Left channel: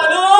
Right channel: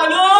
आलो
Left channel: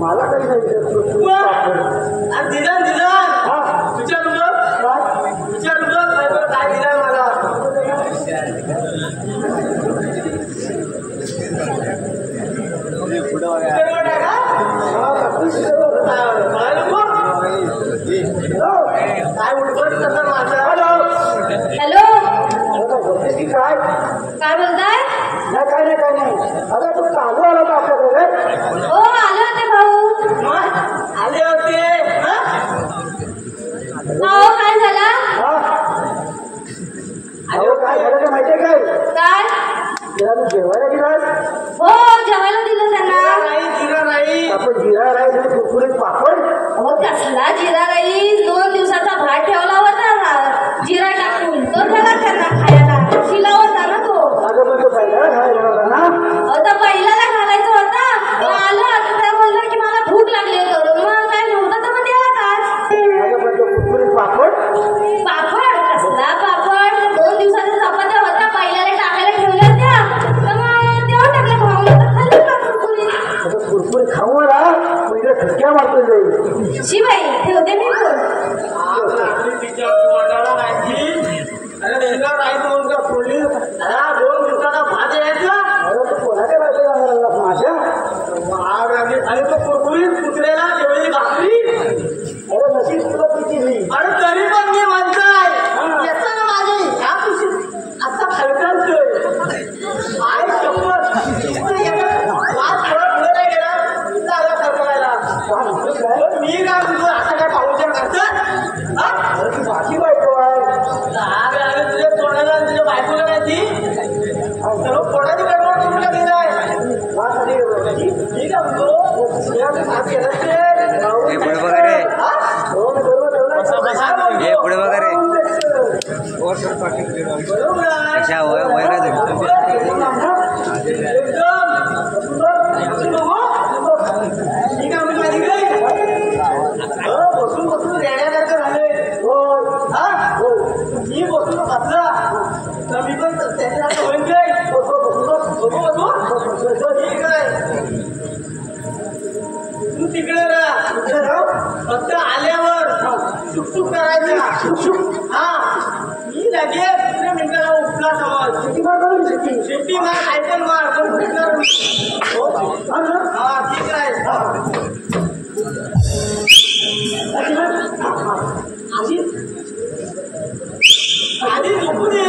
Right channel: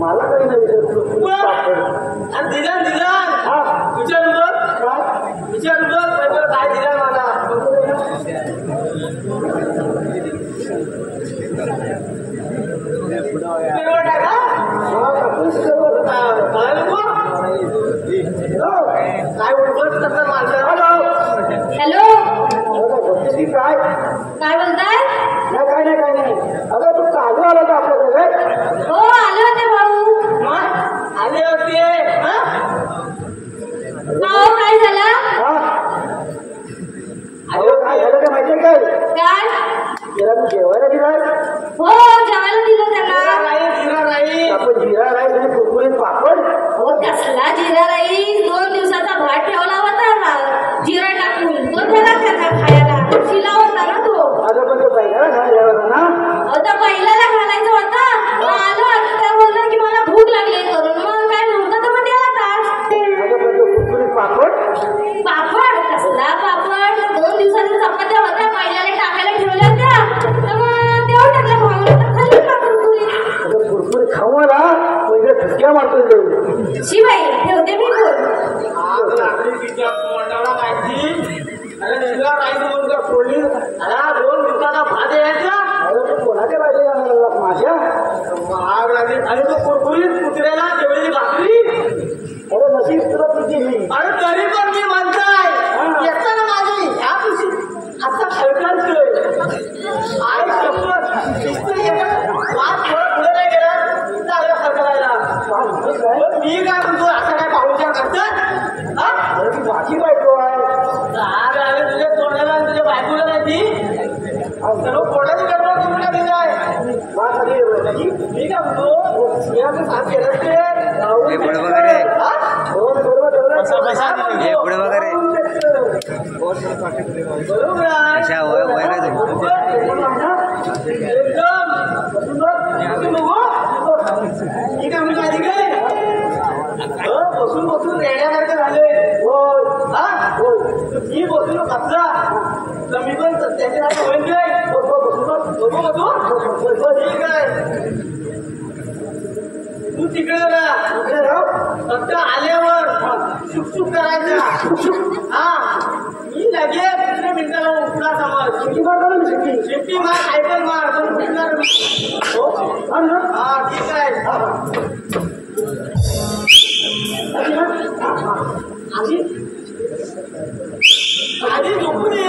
मला काही नाही दिला दिला विचारू बघ विचारू बघ काय दिला मला काय उठवत तसा माझा हॅलो काय काय बोलताय काय नाही अगं तू काबू आला का आपल्याकडे हो आले होते भाऊ आले होते काय झालं अरे काय झालं ते माहितीये काय काय तिला तू जेवायला दिलास हो जेवायला दिलं त्यांना आपण जिरा राईस आणि कुरकुरीत पापड हो त्याला जिरा राईस 2 दिवसाचा भात ठेवला होता जिरा टाकून तो दिला त्यांना खायला शिला होता ना तो अगं पण तो पहिला खायला होता ना तर पहिल्याला घालायचा होता आलो आता त्या बोलला की मला भूक लागली करून मग काय नव्हतं तर मग तेव्हा तास अगं पण तो कुरकुरीत पापड कसला पापड 2 दिवसाचा चपात्या होता पहिल्याला टाकायला ठेवल्या होत्या तर मग तेव्हा टाकला खाऊन खाल्लं कुरकुरीत कुरकुरीत खाऊ मला पहिल्या ठसक्या मारतो जाईल शिवाई ठेवते मी फोन तिच्या तोंडाला माहिती अरे नेला राईस म्हणून का फोडली 2 दिवसाचा भात यायचा कोणाच्या बाजूला माझ्या आणि तो कुरकुरीत कुत्र्याला जेवलेली भाकरी अरे नशीब तुला किती अरे तरी पण मी म्हणताय येतं ना माझी ह्या खुशी असा हलकाचतोय आई शपथ नुसतं एका वाद थोडा पुढे नाही गेला इथं आला खरखरायला मी काय म्हणतो असा काय पाहुणचार करतात बाकी बायको आहे अरे तुझ्या तोंडाला आणि तुझ्या बायकोला माहिती सर्व पोटाची गडबड करून टाकली जाय मी काय म्हणतो पुढे बघा रे पुढे बघा रे अच्छा वय काय बसून बसून रेड्यासारखं झालंय मी बसून बसला तर मी पण त्याच्या होईन काय ठीक आहे तू तिकडे राह फक्त आल्यावर शुकशुक करायचा मी लगेच 3 मिनिटाला उठला समज शिट्टी मार सायकल मार पण उठणार मी ठीक आहे आधी झोपू दे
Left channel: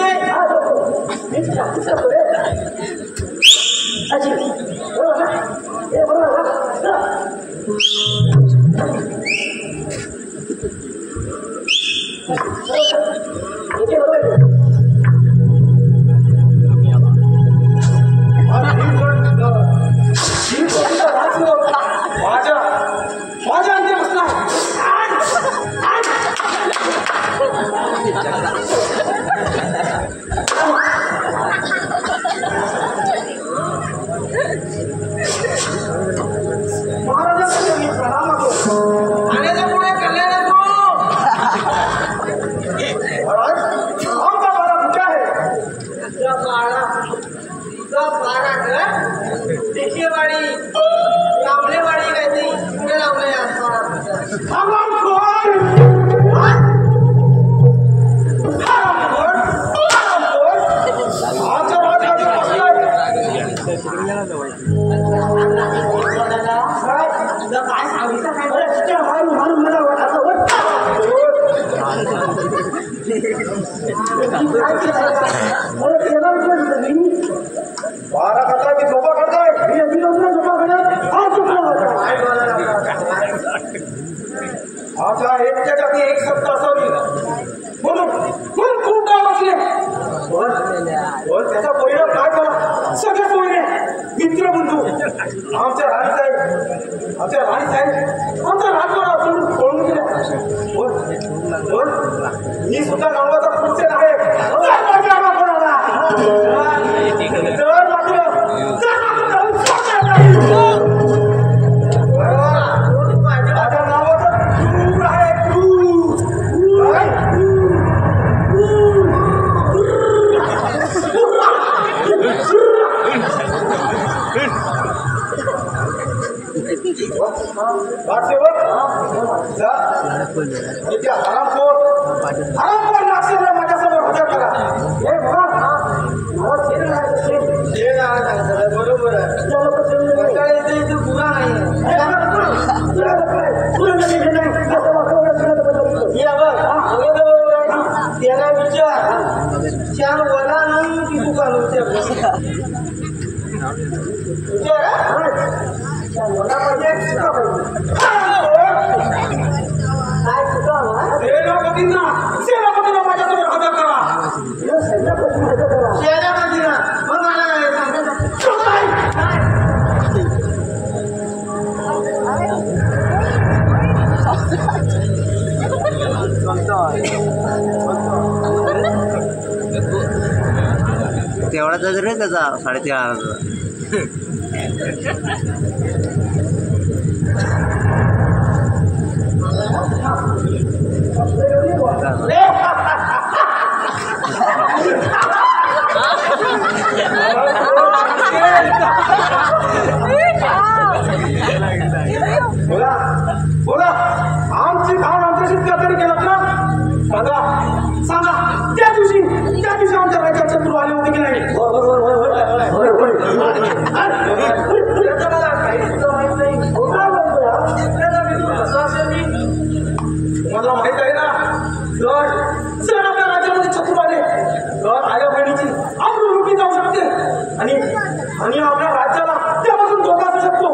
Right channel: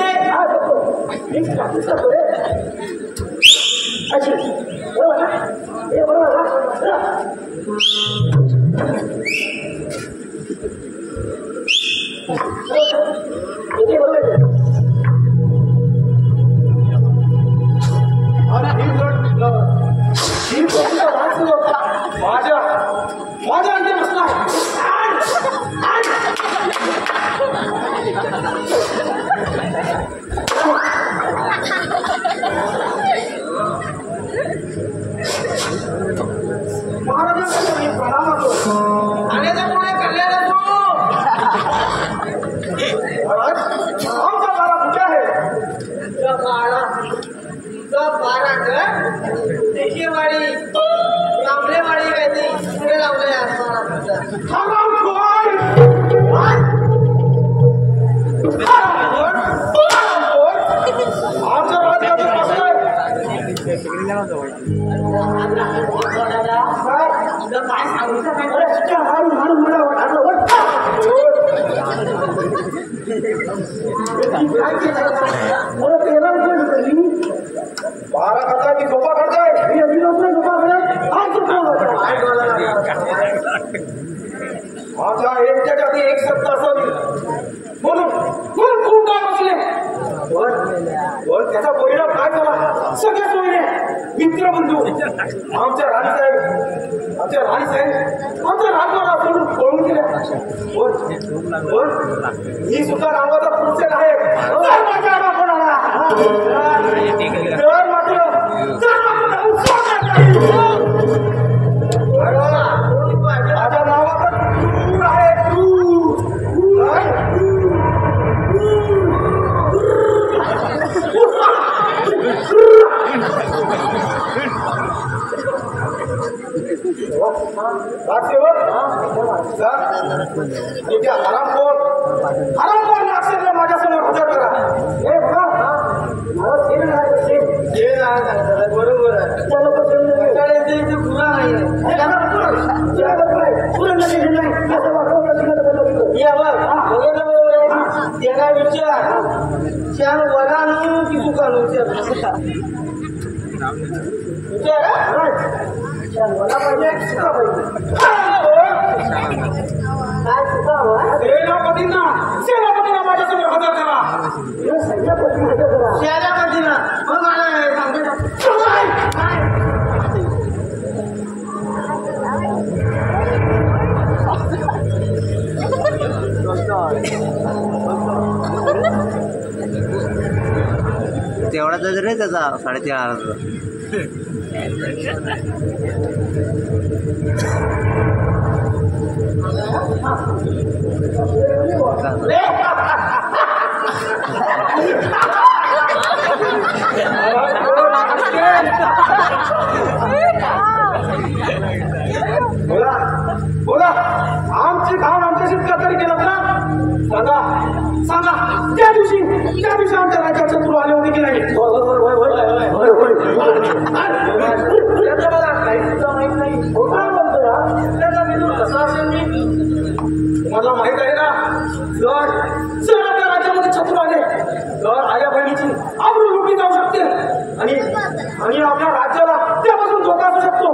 माझ्या अंगी बसला महाराजांना मी प्रणाम करतो खाण्याच्या पुढे कल्याण असो महाराज आमचा बाळा कुठे आहे तुझा बाळा घर टेकेवाडी लांबलेवाडी काय ते इकडे लावलंय असताना काय सांगितलं बारा करताय की झोपा करताय आता एकच्या जाती एक सत्ता असावी म्हणून खूप डाव बसले त्याचा परिणाम काय झाला सगळ्या सोयीने मित्रबंधू आमच्या राणीसाहेब आमच्या राजवाडा सोडून पळून गेल्या ही सुद्धा नावाचा पुरुषेन आहे माझ्या नावाचा क्रूर आहे राजसेवक जा इथे हरामखोर नागसेना माझ्यासमोर हजर करा. हे बघा मला शेण आणायचं बरोबर आहे. इथे पुरा नाही त्याला विचार चार वडा आणू की तू काढू विचार वडा पाहिजे सेनापतींना माझ्यासमोर हजर करा. सेनापतींना मग मला तेवढाच रे त्याचा 3,500. बोला आमची घाण आमच्याशी कातरी केलं ना. सांगा त्या दिवशी आमच्या राज्यात शत्रू आले होते की नाही. मला माहित आहे ना. जर आपल्या राज्यामध्ये शत्रू आले तर आया बहिणीची आबरू लुटली जाऊ शकते आणि आपल्या राज्याला त्यापासून धोका असू शकतो.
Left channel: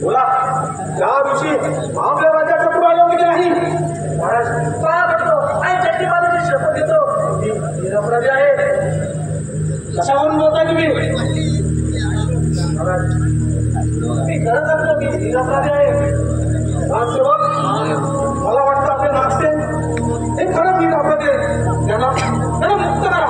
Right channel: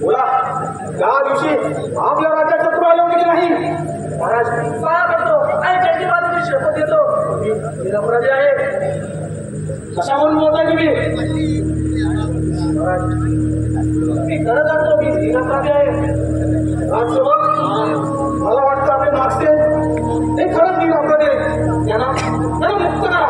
बोला त्या दिवशी आपल्या राज्यात शत्रू आले होते की नाही. शपथ घेतो निरपराधी आहे. कशावरून बोलताय तुम्ही. मी खरं सांगतो की निरपराधी आहे. राजसेवक मला वाटतं आपले नागसे हे खरंच निरपराधी आहे. त्यांना मुक्त करा.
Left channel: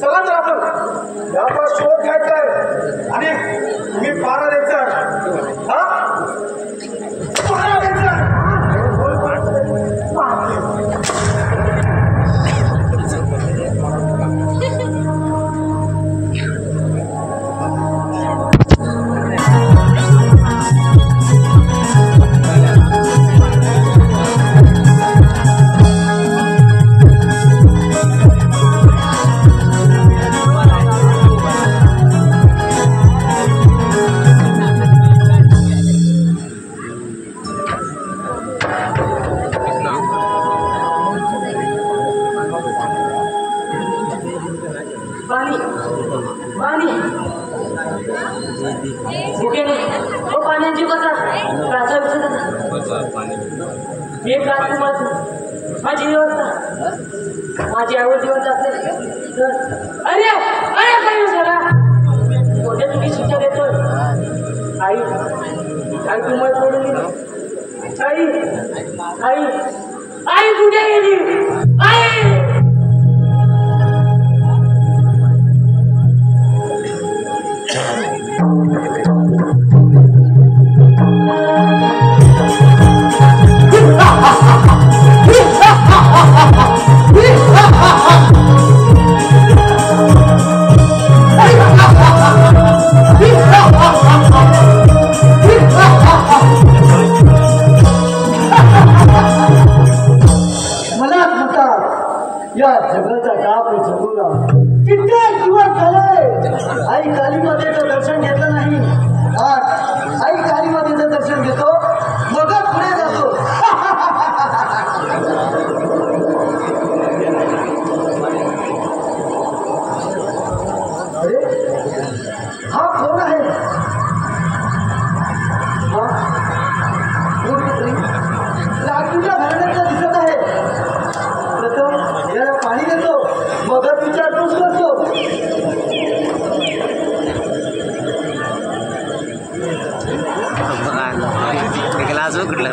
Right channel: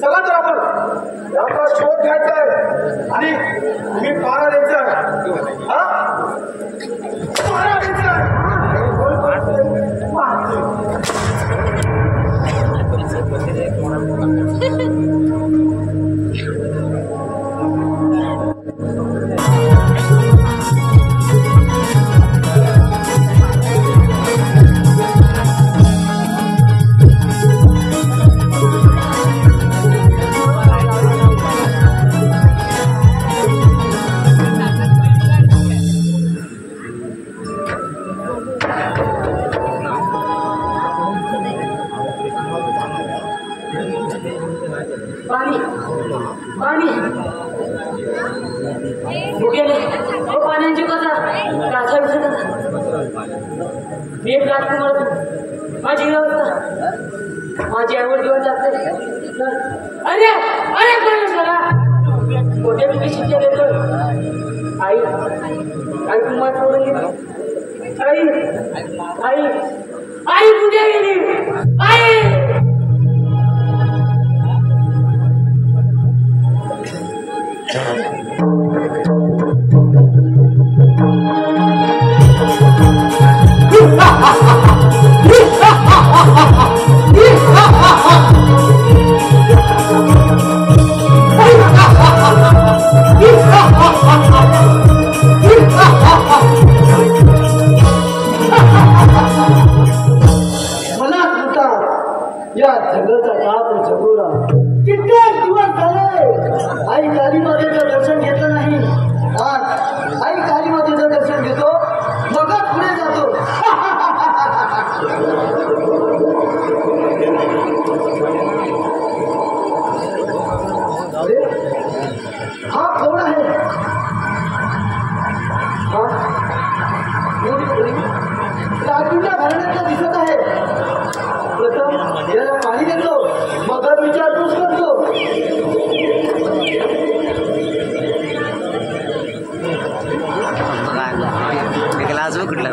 चला तर आपण याचा शोध घ्यायचा आहे आणि तुम्ही पारा द्यायचा. हा पारा द्यायचा. माझी आवड घेऊन जाते. अरे अरे कोठे मी शिक्षा देतो. आई आई तुम्हाला सोडून गेली. आई आई आई कुठे गेली. या जगाचा डाप जगोरा कित्येक दिवस झाले आई कालीमातेचं दर्शन घेतलं नाही. आज आई कालीमातेचं दर्शन घेतो मग पुढे जातो. अरे हा कोण आहे? राजूच्या घराण्यातला दिसत आहे. प्रथम याला पाणी देतो मग विचारपूस करतो. क्लास कुठला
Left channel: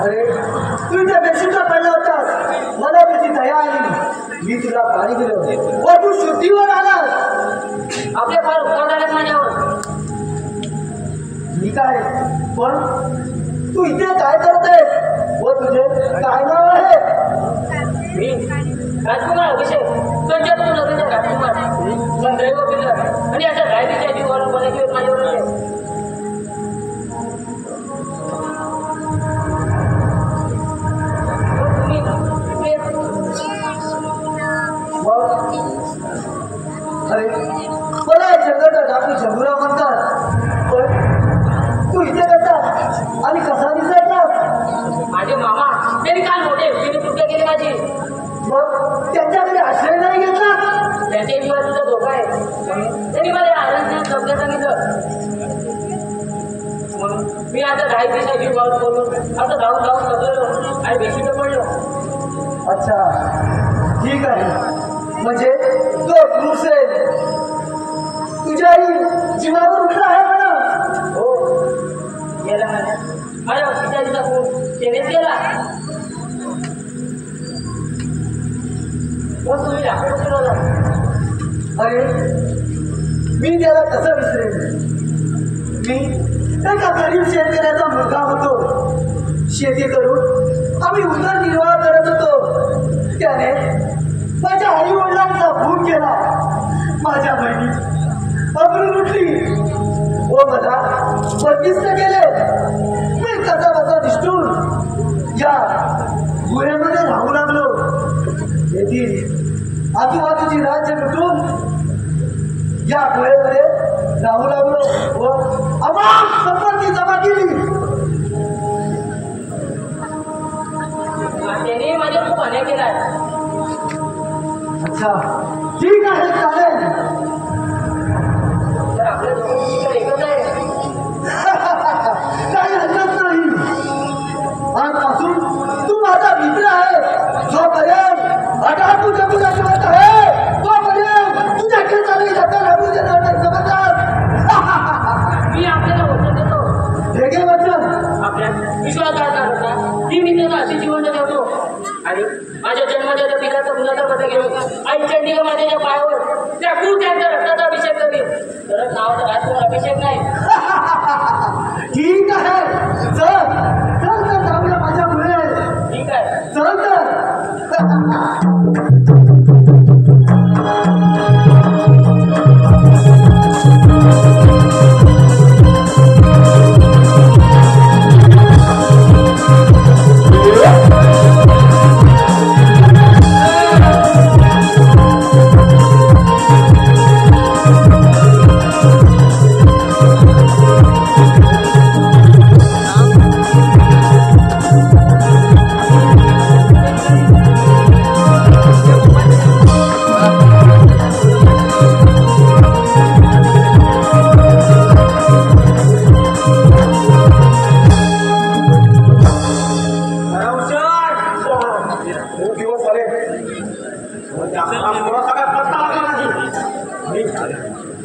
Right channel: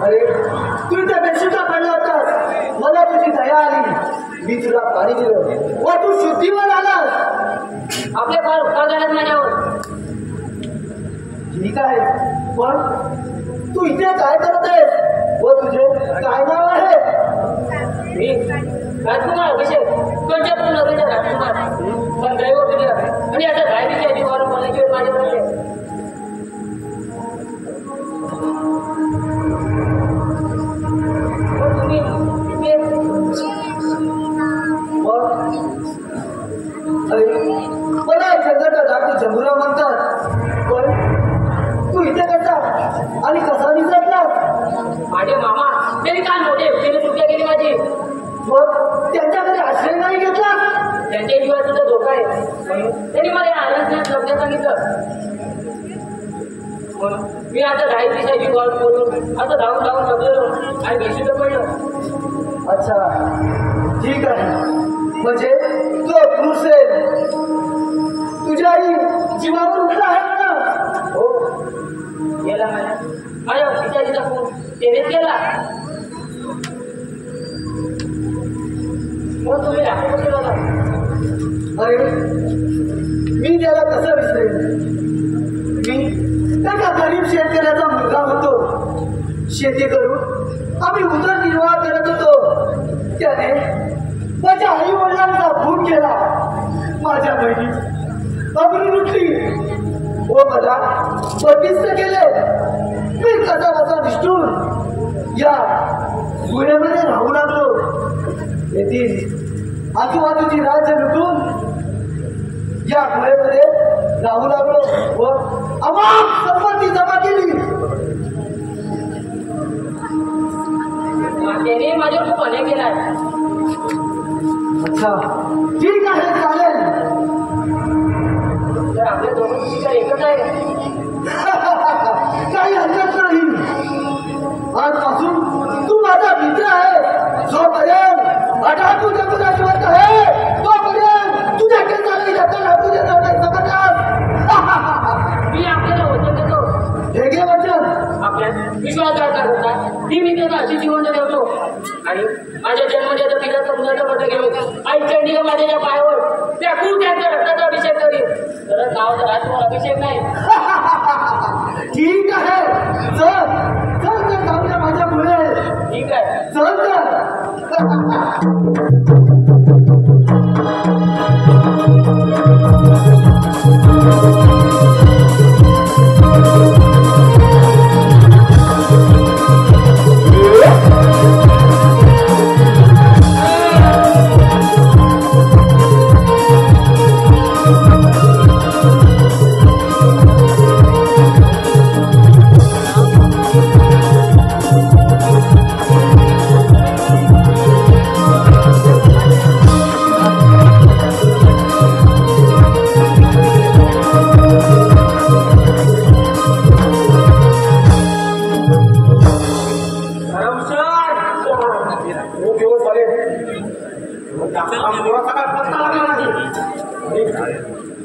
अरे तू इथे बेशुद्ध पडला होतास. मला तुझी दया आली. मी तुला पाणी दिलं व तू शुद्धीवर आलास. आपले फार उपकार झाले माझ्यावर. ठीक आहे पण तू इथे काय करतेस व तुझे काय नाव आहे? मी राजकुमार अभिषेक पंचापूर नगरीचा राजकुमार पण दैव फिरलं आणि आता रायबीच्या जीवावर मला घेऊन माझ्या पडले. अरे मला जगाचा डाकू झंगुरा म्हणतात. पण तू इथे कसा आणि कसा दिसायचा? माझे मामा त्यांनी काल मोठे तिने सुटका केली माझी. मग त्यांच्याकडे आश्रय नाही घेतला? त्यांच्या जीवात सुद्धा धोका आहे. त्यांनी मला आनंदात लग्न सांगितलं. मग मी आता राहायची जीवावर बोलून आता धावून धावून बदललो आणि बेशुद्ध पडलो. अच्छा ठीक आहे. म्हणजे तो पुरुषेल तुझ्या आई जीवावर उठला आहे म्हणा. हो गेला माझ्या पिताजीचा खूप तेनेच गेला. मग तुम्ही राखून ठेवला. अरे मी त्याला कसं विसरेन? मी एका गरीब शेतकऱ्याचा मुलगा होतो. शेती करून आम्ही उदरनिर्वाह करत होतो. त्याने माझ्या आई वडिलांचा खून केला. माझ्या बहिणीची अब्रू लुटली व मला बंदिस्त केले. मी कसा बसा निष्ठून या गुहेमध्ये राहू लागलो. येथील आजूबाजूची राज्य लुटून या गुहेमध्ये राहू लागलो व अमाप संपत्ती जमा केली. त्याने माझ्या खूप अन्याय केला आहे. अच्छा ठीक आहे चालेल. तर आपल्या दोघांची एकच आहे. काही हरकत नाही. आजपासून तू माझा मित्र आहे. जोपर्यंत अटाकू जगूला जिवंत आहे तोपर्यंत तुझ्या केसाला धक्का लागू देणार नाही. समजलास? मी आपल्याला वचन देतो. हे घे वचन. आपल्या विश्वासघात करता ही मी त्यांना अशी जिवंत ठेवतो आणि माझ्या जन्मदात्या पिताचा मुलाचा पट घेऊन आई चंडिका माझ्या पायावर त्या खूप त्यांचा रक्ताचा अभिषेक करेल. तर नावाचा राजकुमार अभिषेक नाही. ठीक आहे. चल चल तर जाऊया माझ्यामुळे. ठीक आहे. चल तर.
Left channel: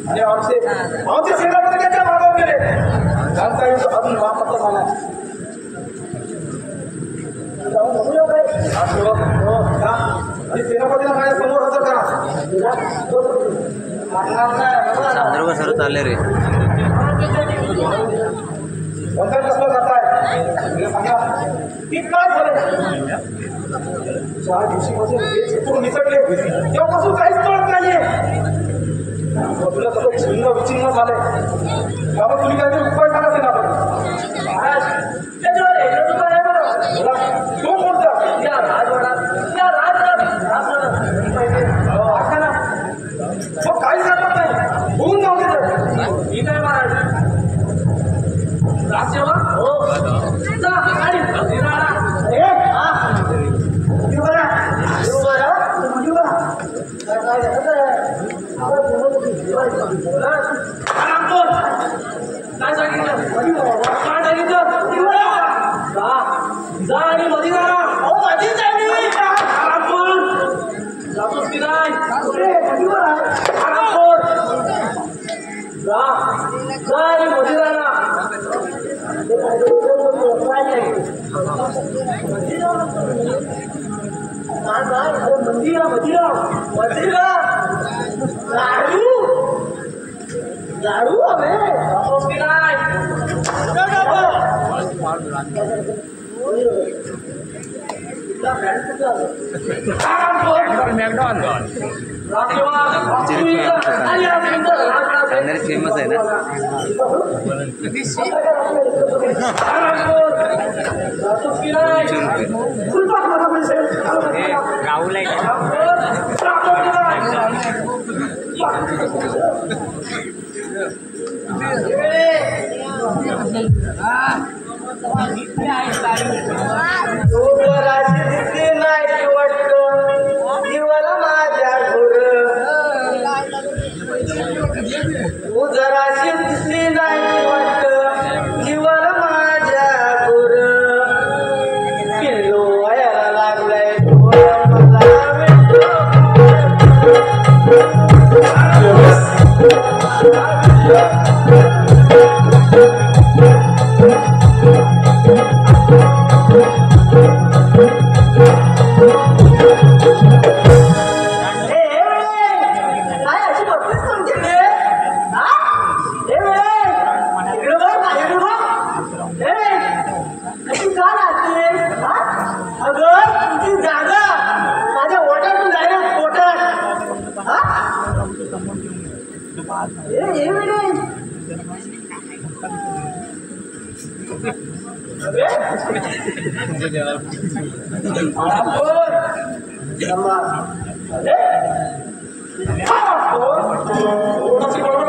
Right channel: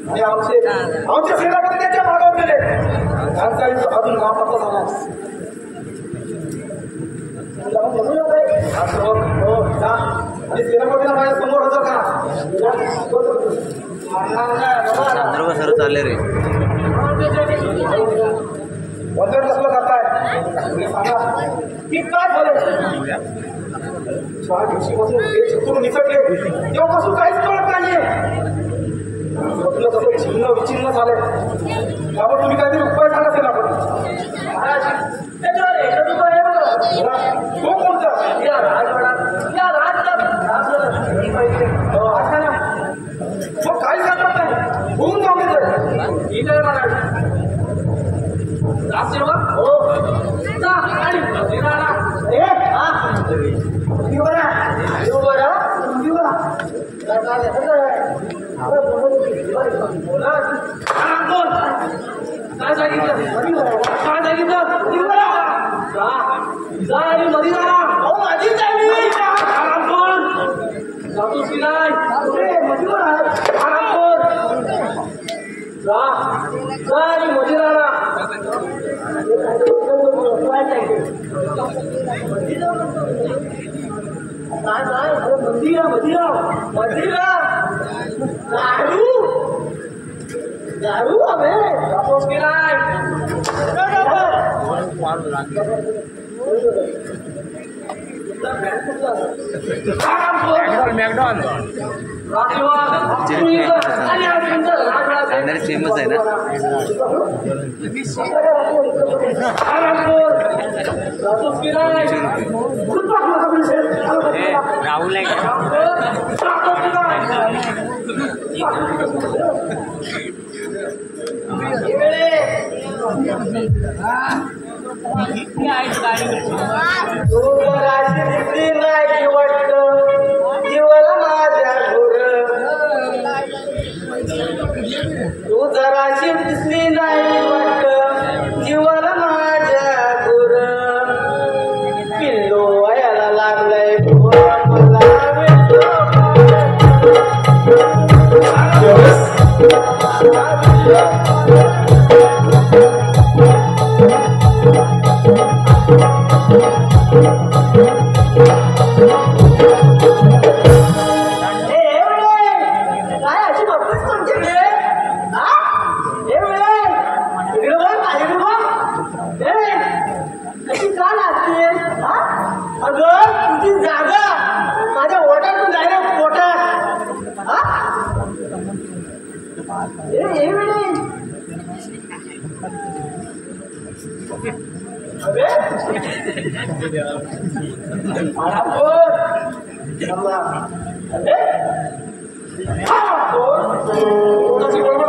आणि आमचे सेनापती त्यांच्या मागावर गेले. त्यांचा इथं अजून नापत्ता झाला. आणि सेनापतीला माझ्या समोर हजर करा. चांद्रोबा सर्व चालले रे. कोणता कसला जाताय मला सांगा की काय झालं. 4 दिवसापासून हे चित्रून निसटले तेव्हापासून काहीच कळत नाहीये. तुला तसं छिन्न विचिन्न झालंय. बाबा तुम्ही काहीतरी उपाय सांगा ते नाटक. महाराज त्याच्यावर एक उपाय आहे बघा. तो कोणता. या राजवाडा या असं ना तो काही सांगत नाही. होऊन जाऊ दे. ठीक आहे महाराज. राजसेवक हो जा आणि जिराणा ए हा दिवरा दिवरा दिवरा काय सांगितलं दिवरा जा आणि मध्ये जा. हो माझी चालली जातोस की नाही. जा आणि मध्ये जा. दारू हवे चांदरे फेमस आहे ना. ₹200. राहुल आहे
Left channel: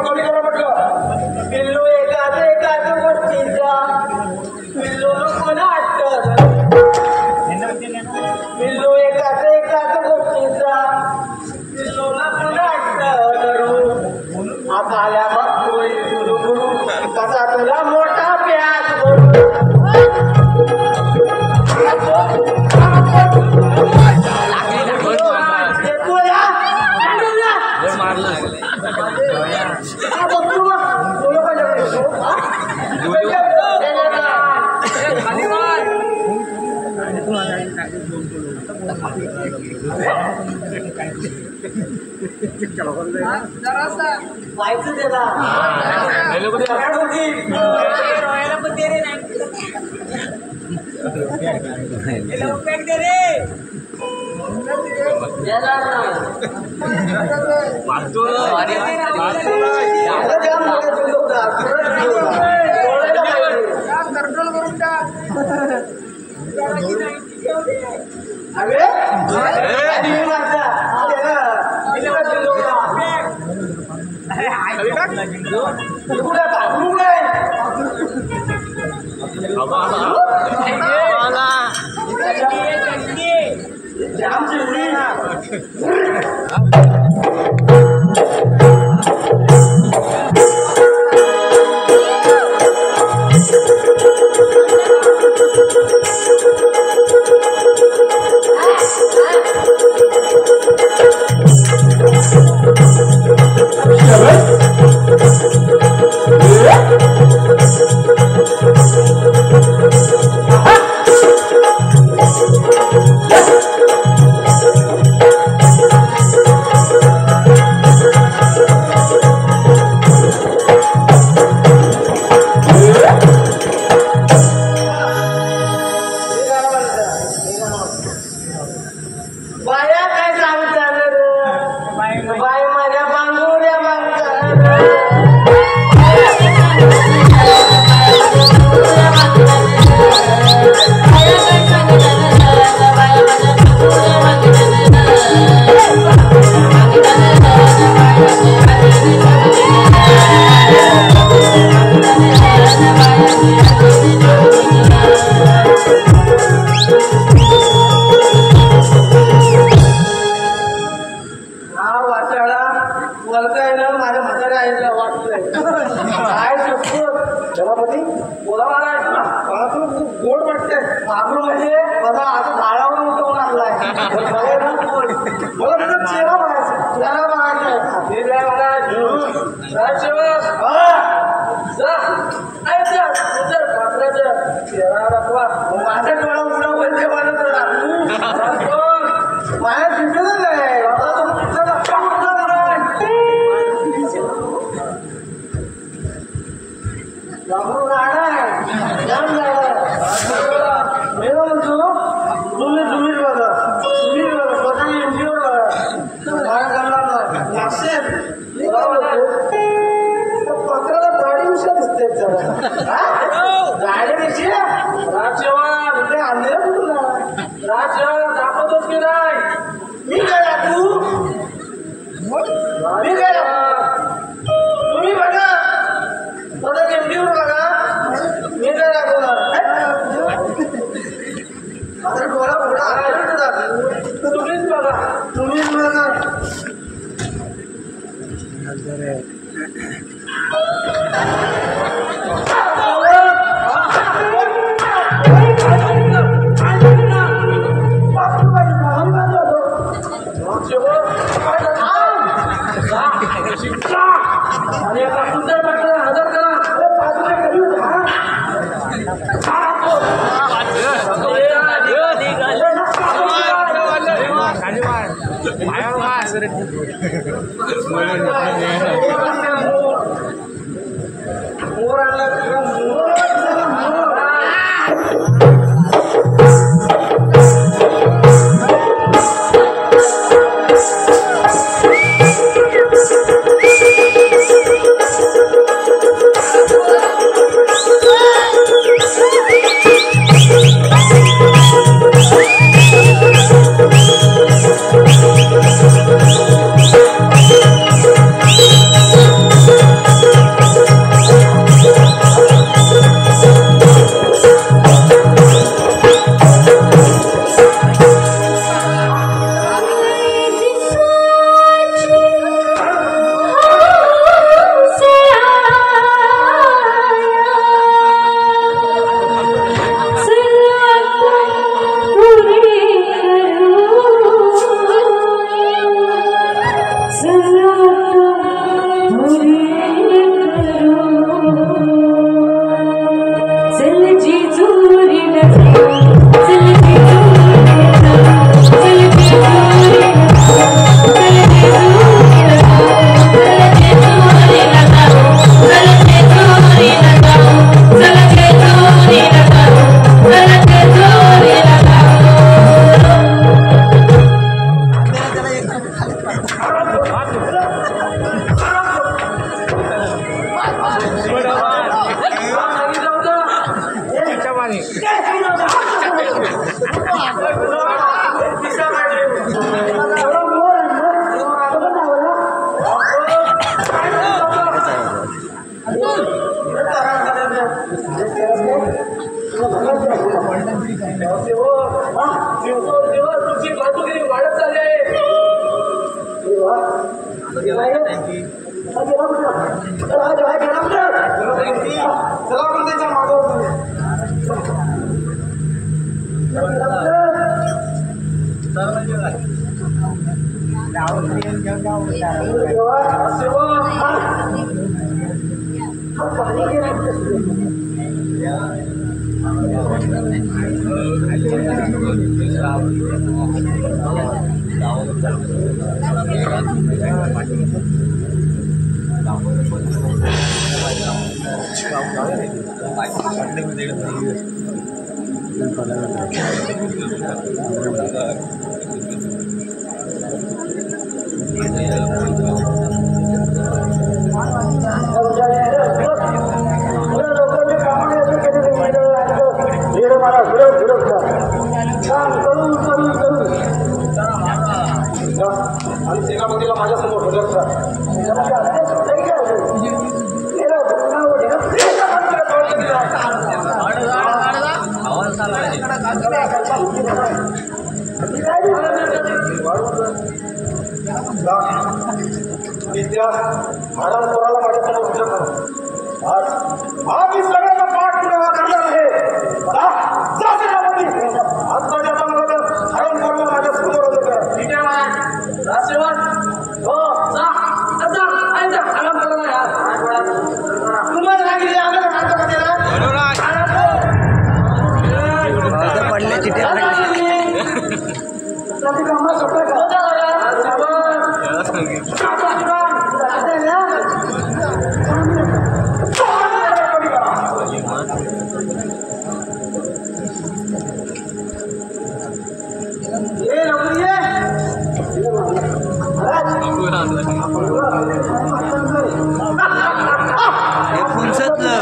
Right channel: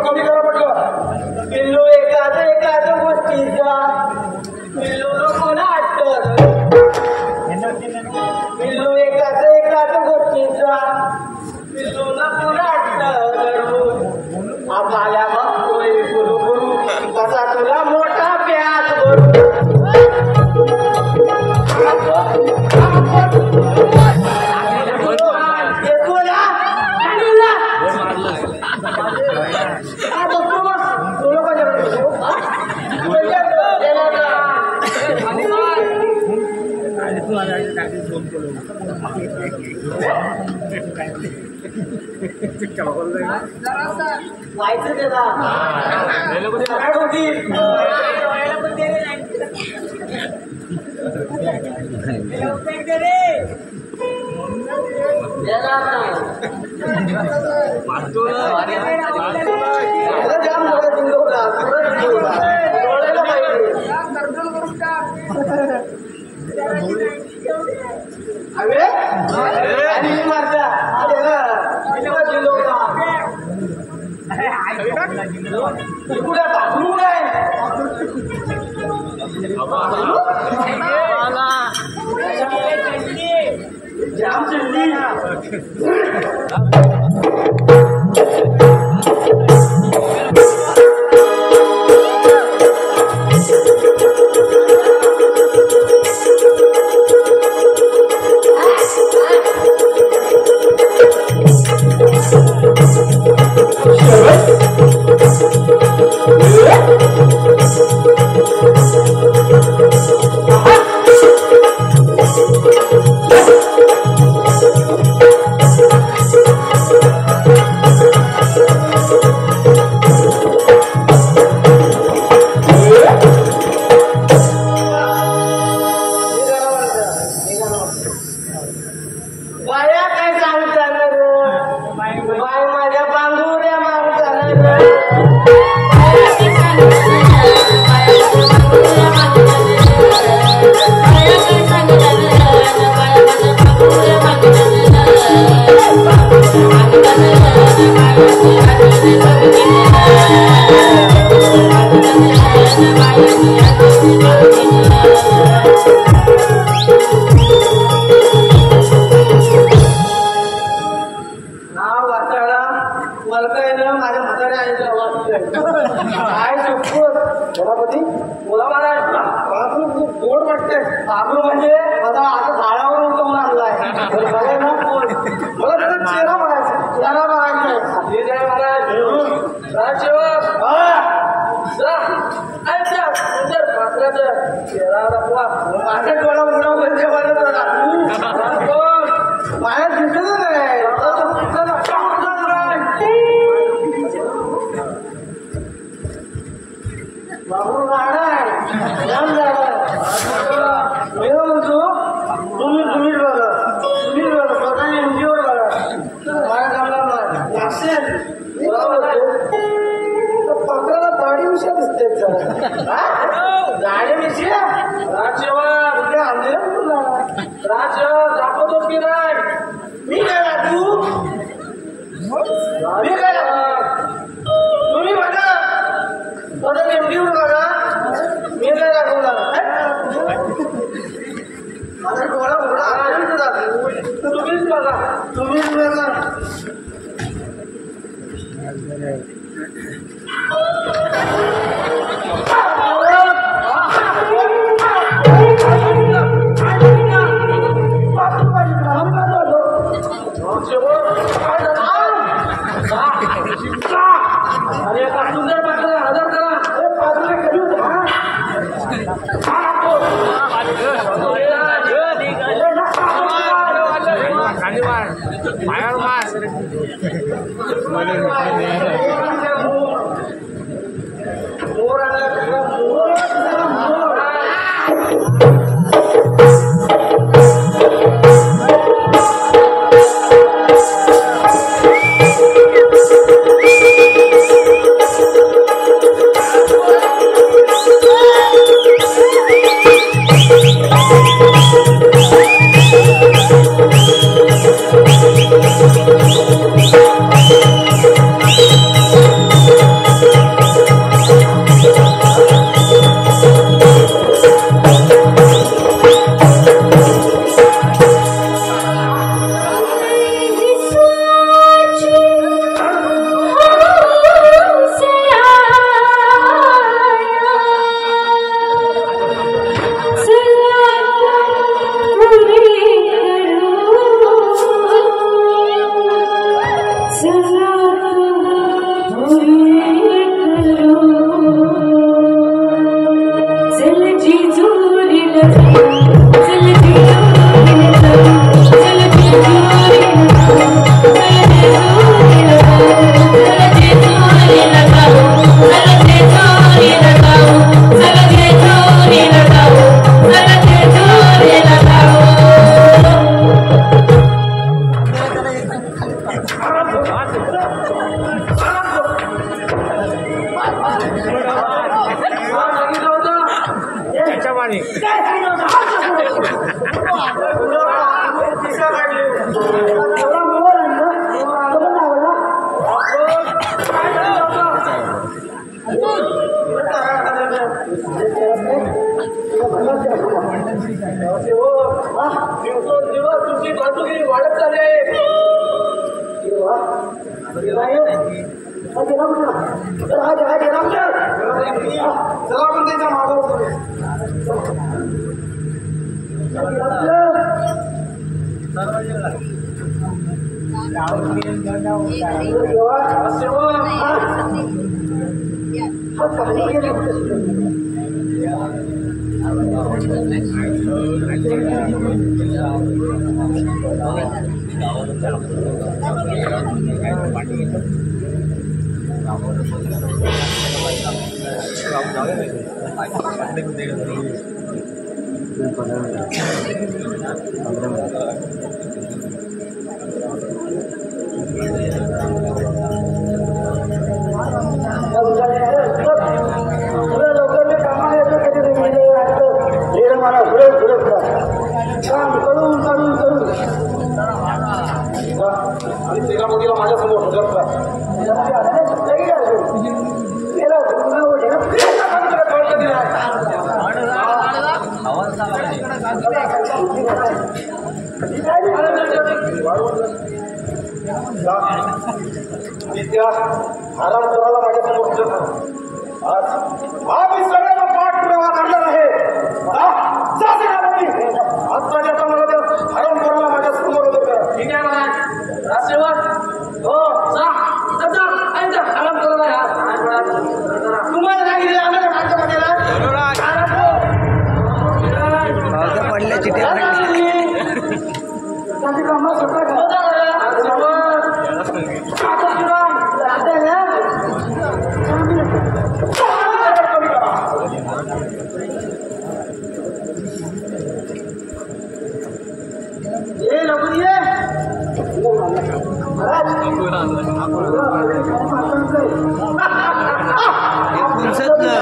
कमी करा म्हटलं. पिल्लू एकाच गोष्टीचा पिल्लू कोणा वाटत पिल्लू एकाच गोष्टीचा पिल्लू ना कोणा वाटत आपल्या बघतोय गुरु गुरु कसा तुला मोठा प्यास व्हायचं त्याला जाम मोठा जिल्हा होता. अरे आणि माझा जाम चिल्ली जायचं वाटतंय काय शपथ जरामती बोला महाराज बाजू खूप गोड वाटतंय बाबू म्हणजे आता झाडावरून तो मारलाय मला त्याचा चेहरा बघायचा त्याला बघायचं ठीक आहे महाराज राजसेवक जर पात्राचं चेहरा दाखवा माझ्या डोळा मुळा म्हणजे बनत माझ्या दिसलं नाही बाबू राणा जाम झाला मी म्हणतो तुम्ही बघा स्वतः एनजीओ बघा माझ्या कामाला लागसेल पात्राला दाढी विषय दिसते गाडीविषयी राजसेवक कुठे आणले तुला राजसेवक दाखवतोस की नाही मी काय दाखवू मी काय तुम्ही बघा स्वतः एनजीओ बघा मी काय दाखवणार आता डोळा बघा दाखवू तुम्हीच बघा तुम्हीच बघा अरे पण सुंदर पात्र हजर करा मोर आला दिवस तुमची बाजूगिरी वाढत चालली चला आपण त्याच्या मागं काय आज मी सगळ्यांना पाठपुरावा करणार आहे. जा सेनापती. आत्ताच्या आता मला तर हरण करणं माझ्या समोर होतं. ठीक आहे मला राजसेवक हो जा जा आणि जा हरण करू यार तुम्हाला सांगितलं आम्हाला काय करायचं पावसा पडल्या चिट्या पडल्या हे पुंसतलं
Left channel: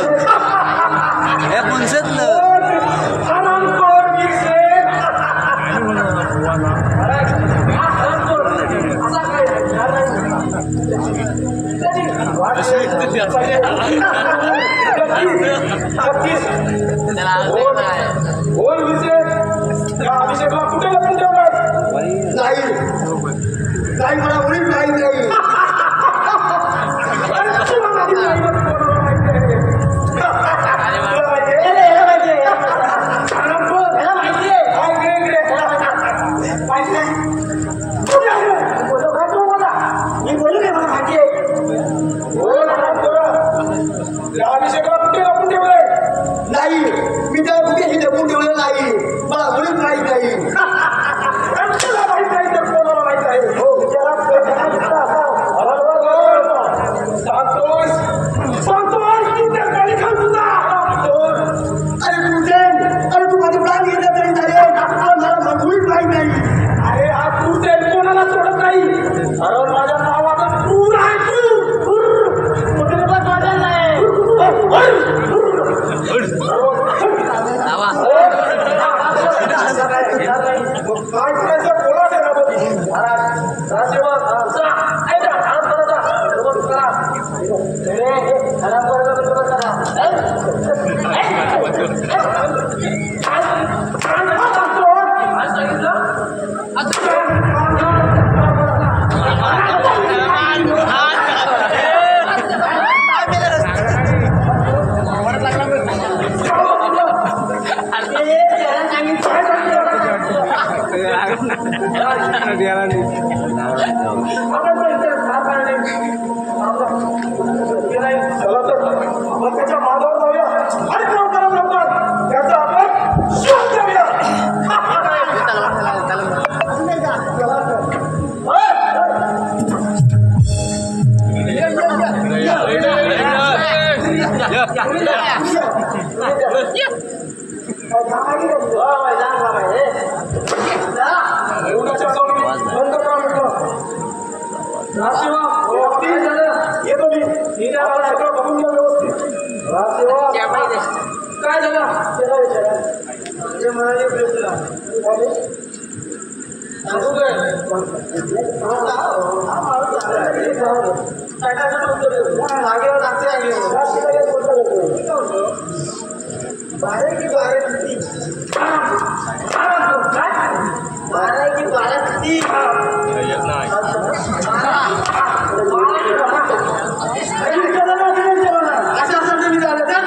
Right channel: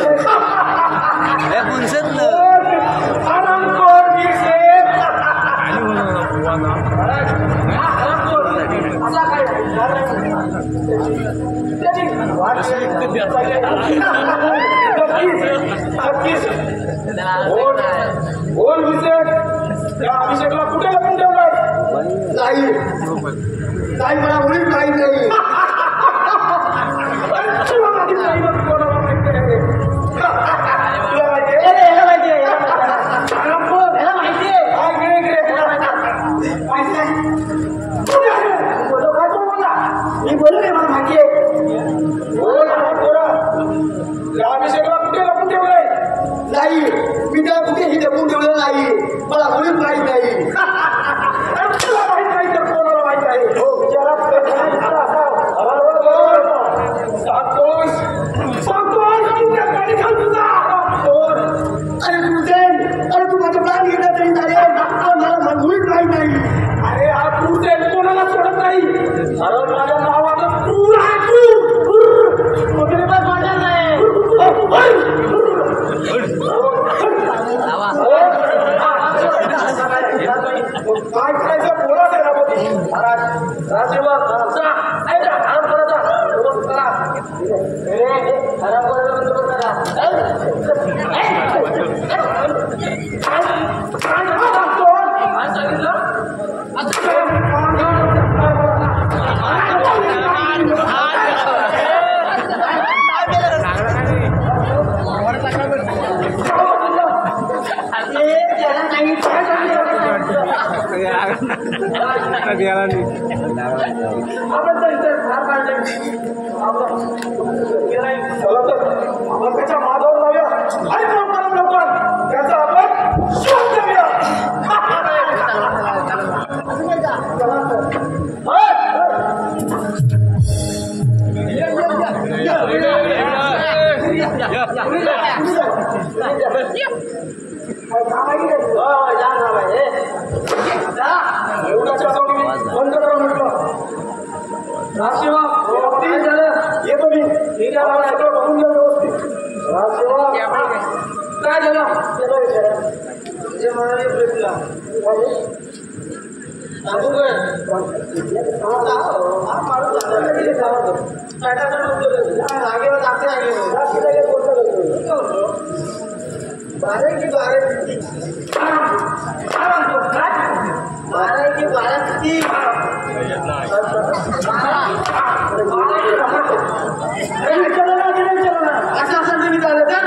अभिषेकला कुठे लपून ठेवलाय? नाही मला मुळीच माहीत नाही. मी बोलू नये मला माहिती आहे. अभिषेकला कुठे लपून ठेवलाय? नाही मी त्या कुठेही लपून ठेवलं नाही. मला मुळीच माहीत नाही. त्याच्या मागावर जाऊया आणि काम करा लवकर. त्याचा आपण शोध घेऊया. बंद करा म्हटलं. येतो मी. सगळं बघून घ्या व्यवस्थित. काय झालं ते म्हणाले प्रेसला बारह की बारह किती अच्छा असं तुम्ही झालं तर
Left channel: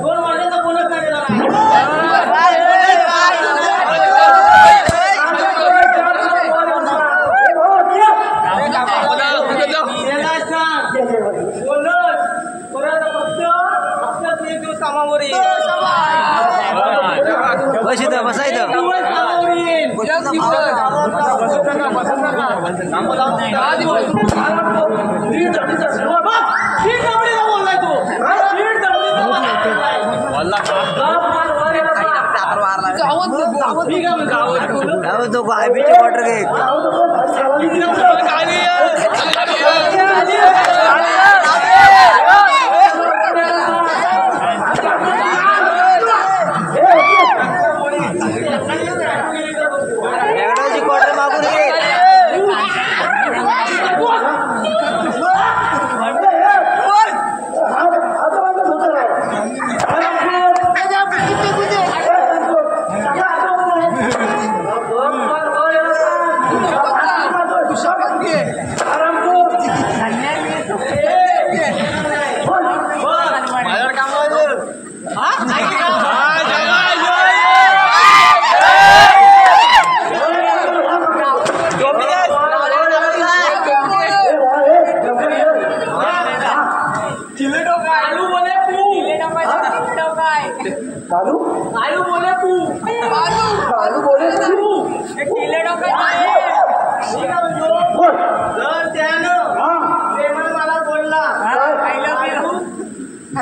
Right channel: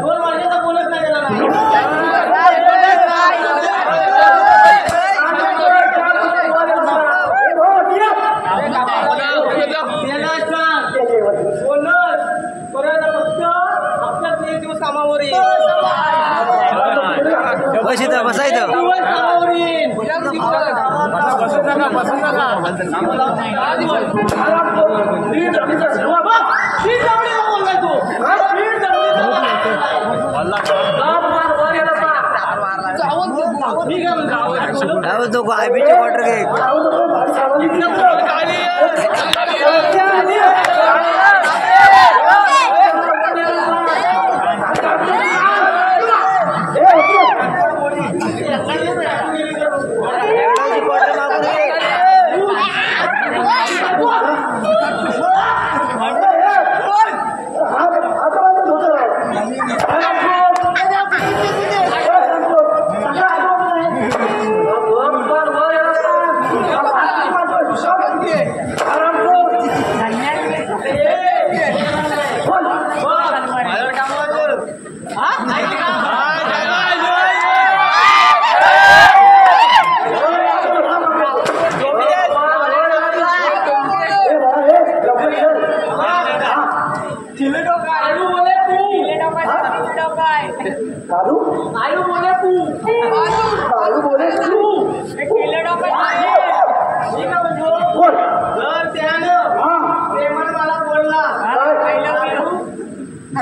दोन वर्षाचा बोनस नाही दिला नाही. बोनस परत फक्त हप्त्यात 1 दिवस कामावर येईल. बसायचं दिवस कामावर येईल. बोललाय तू तो आयबीचे क्वार्टर घे क्वार्टर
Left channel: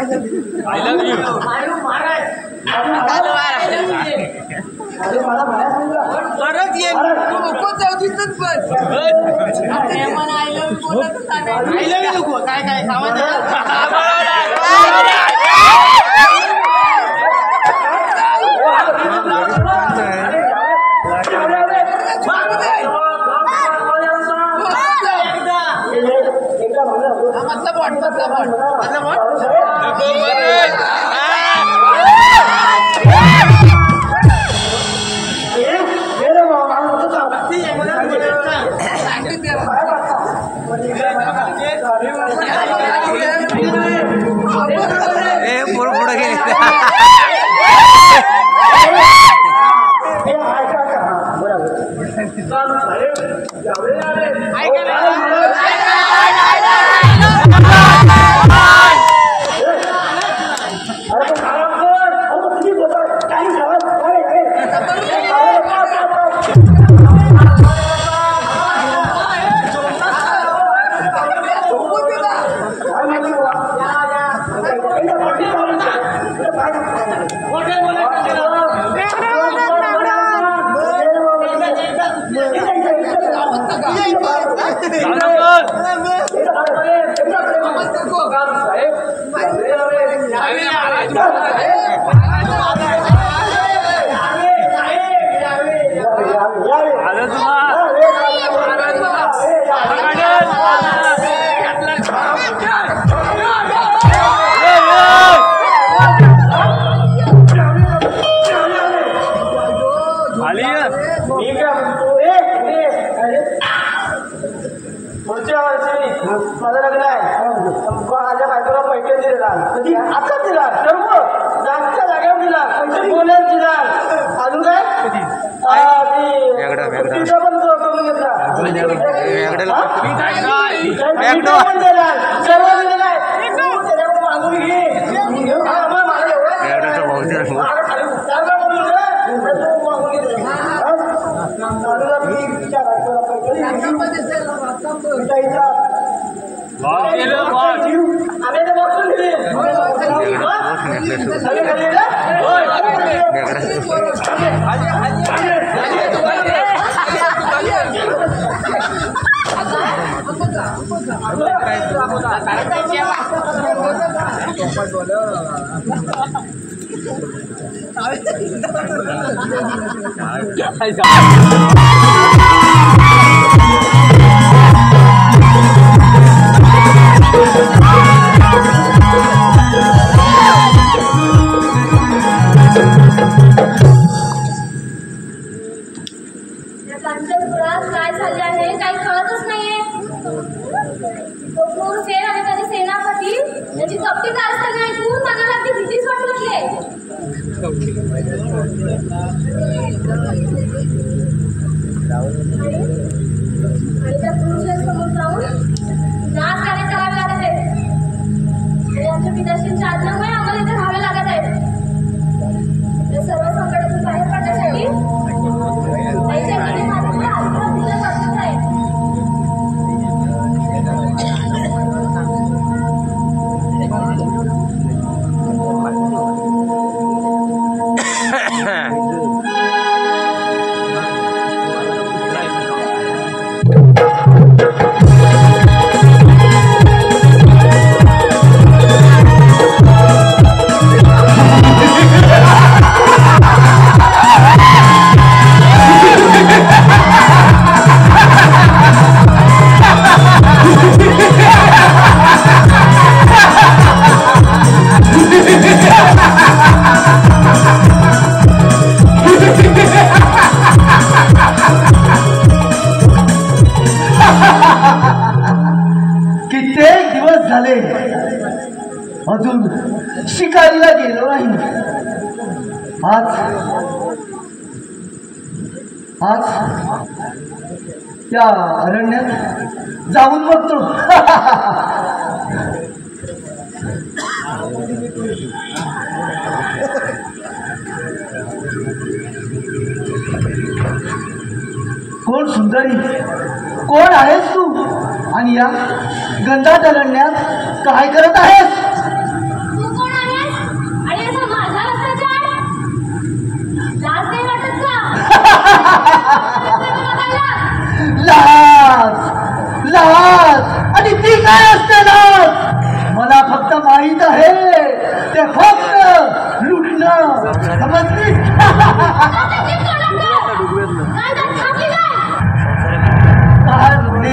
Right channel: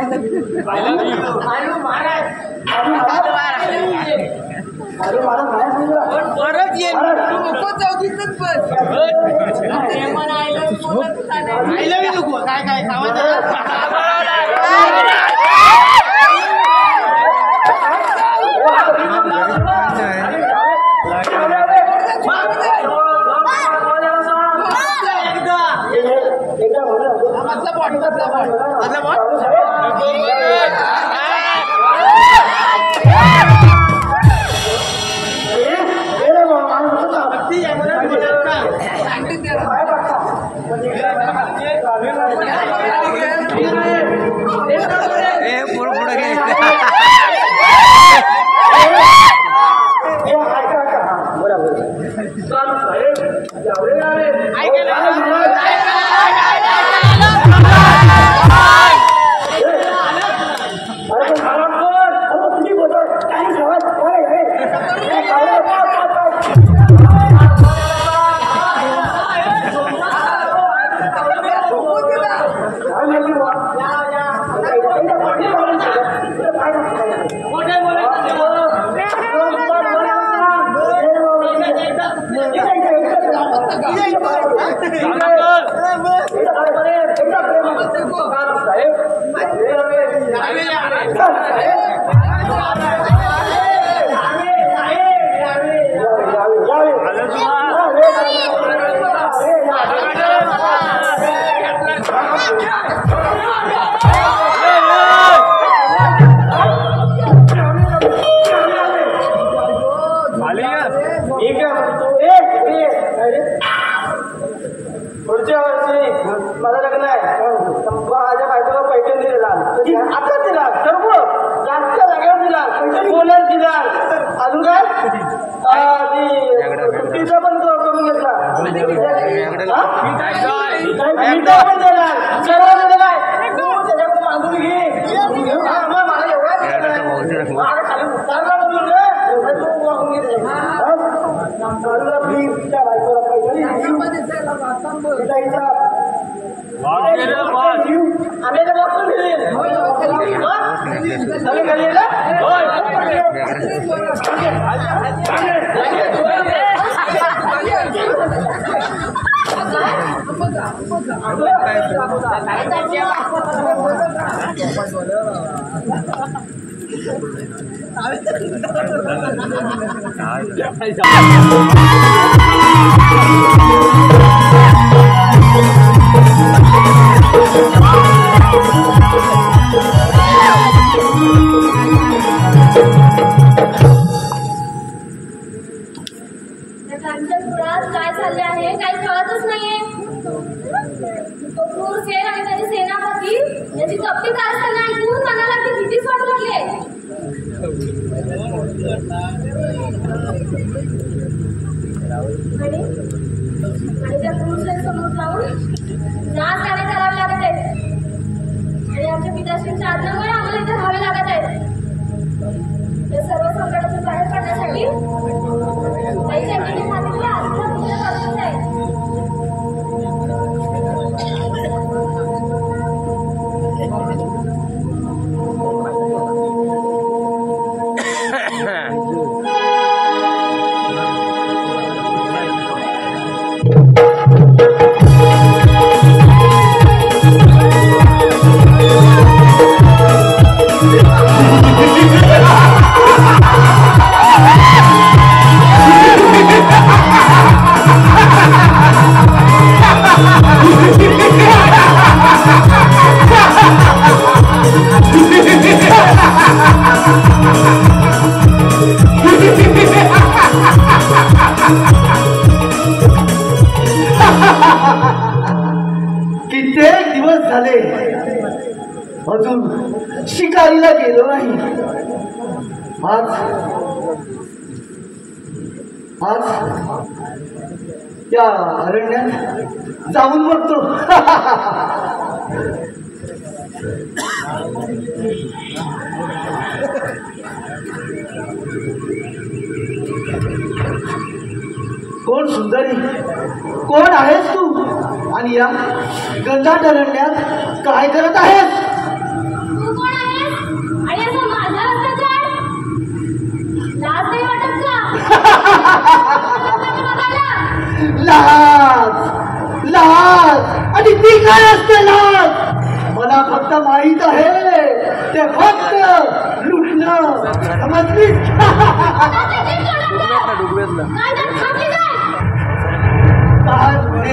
आलू महाराज परत ये आईला नको काय काय पुढे गेले पुढच्या वर्षी माझा लग्न आहे माझ्या बायकोला पैठण दिलेला आता दिला सर्व जास्त जागेवर दिला पुण्यात दिला अजून काय तिचा पण करून घेतला पण दिला सर्व दिलेला आहे त्याच्याकडून बांधून घे काय चालले आहे काही कळतच नाहीये. तो क्रूर सेन आणि त्याचे सेनापती याची कपटी कारस्थाने ऐकून मनाला ती भीतीच वाटू लागली. आणि त्या क्रूर सेन समोर जाऊन नाच गाणे करावे लागत आहेत आणि आमच्या पिताश्रींच्या आज्ञेमुळे आम्हाला इथे राहावे लागत आहे. त्या सर्व संकटातून बाहेर पडण्यासाठी अजून शिकारीला गेलो नाही. आज त्या अरण्यात जाऊन बघतो. कोण सुंदरी, कोण आहेस तू आणि या गंधाट अरण्यात काय करत आहेस? तू लाज लाज आणि ती काय असते लाज मला फक्त माहित आहे ते फक्त लुटणं समजली काय म्हणे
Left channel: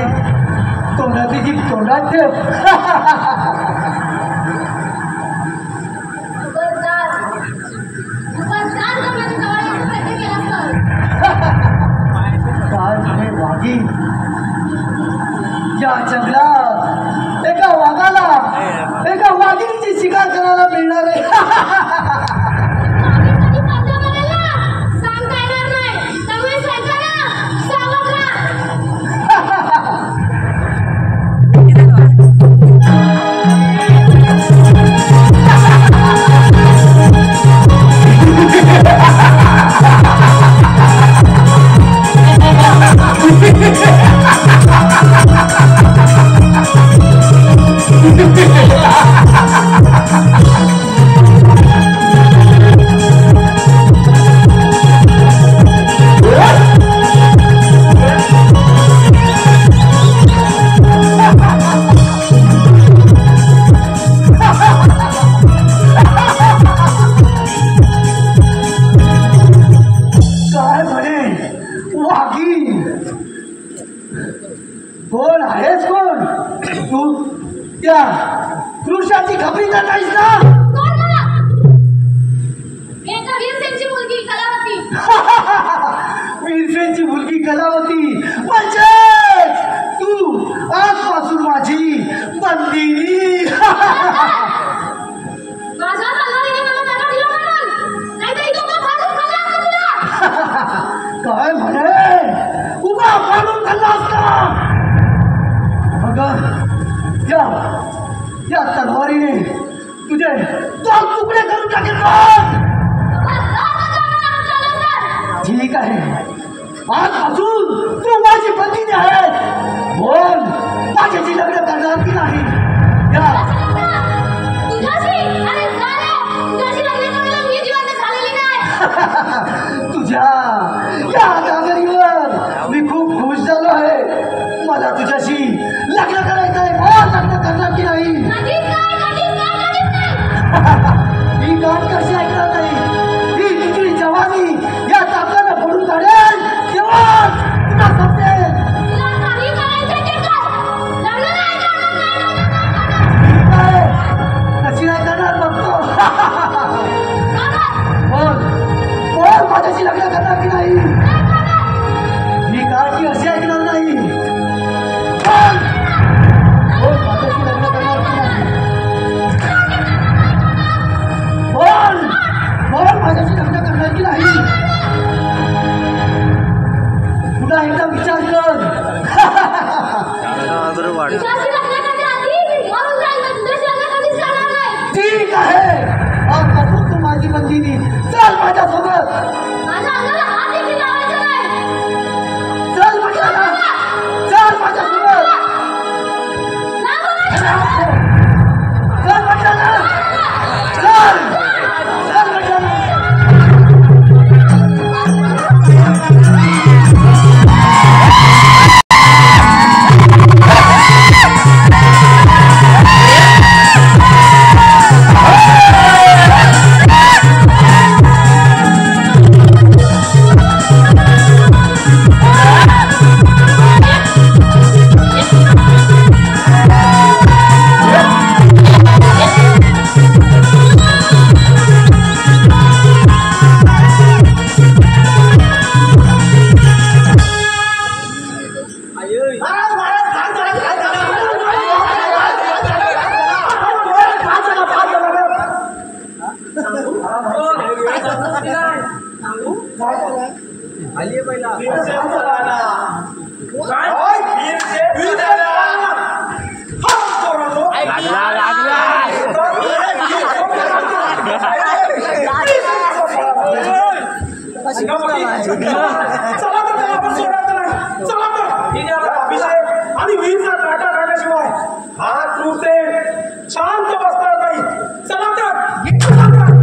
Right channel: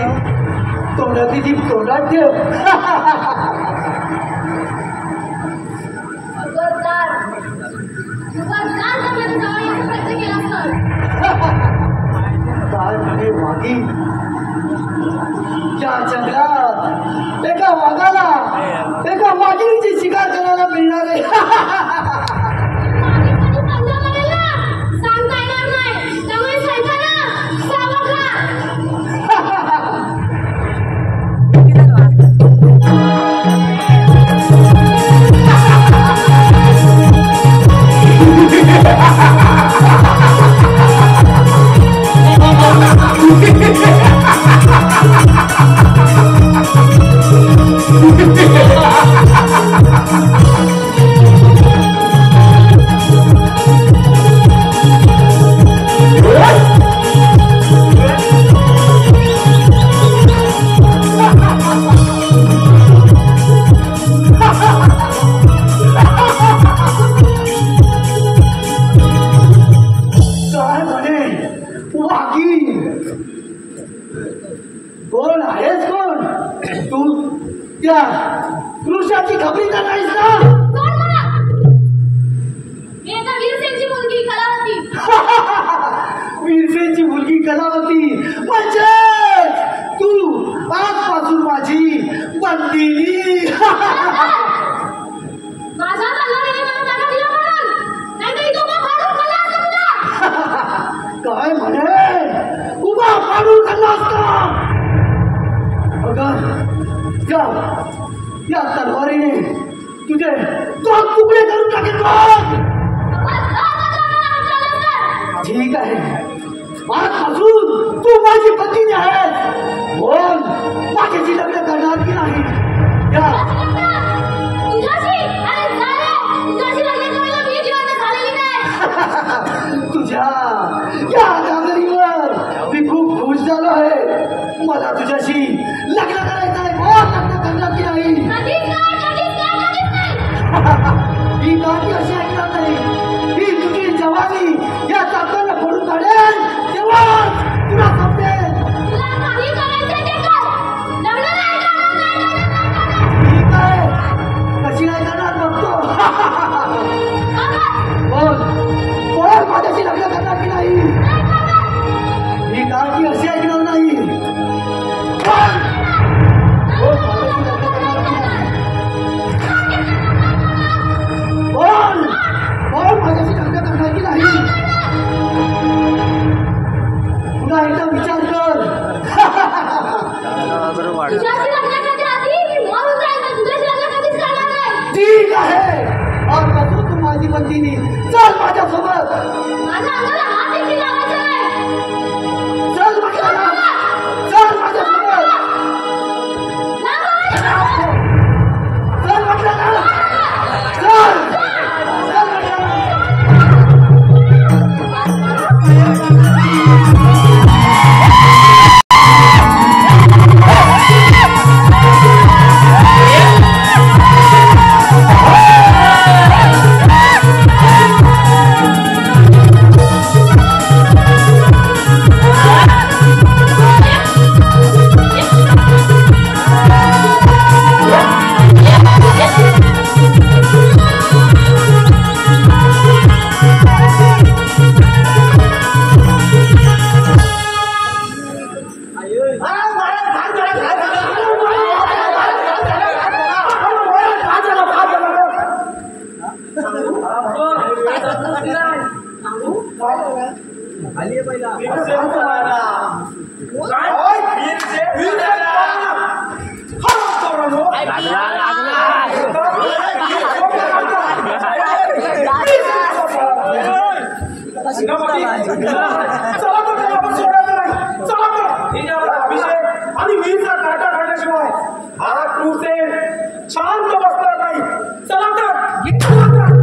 तोंडाची जीभ तोंडात ठेव काय म्हणे वाघी या जंगलात एका वाघाला एका वाघिणीची शिकार करायला मिळणार आहे कोण आहेस कोण तू त्या पुरुषाची खबरी तर नाहीस ना वीरसेनची मुलगी कलावती म्हणजे तू आजपासून माझी बंदिनी काय म्हणे उभा फाडून खाल्ला असता अगं या तलवारीने तुझे दोन तुकडे करून टाकेल ठीक आहे आजपासून तू माझी पत्नी आहेस बोल माझ्याशी लग्न करणार की नाही तुझ्या या दादरीवर मी खूप खुश झालो आहे मला तुझ्याशी लग्न करायचं आहे मला लग्न करणार की नाही ही गाठ कशी ऐकणार नाही ही तुझी जवानी या चाकाला फोडून काढेल तेव्हा तुला समजेल कशी नाही करणार बघतो बोल माझ्याशी लग्न करणार की नाही ही गाठी अशी ऐकणार नाही माझ्याशी लग्न करणार की नाही पुन्हा एकदा विचार कर ठीक आहे तू माझी बंदिनी चल माझ्यासोबत आणि वीरचा काटा काढल्याशिवाय हा क्रूसेन शांत बसणार नाही चला तर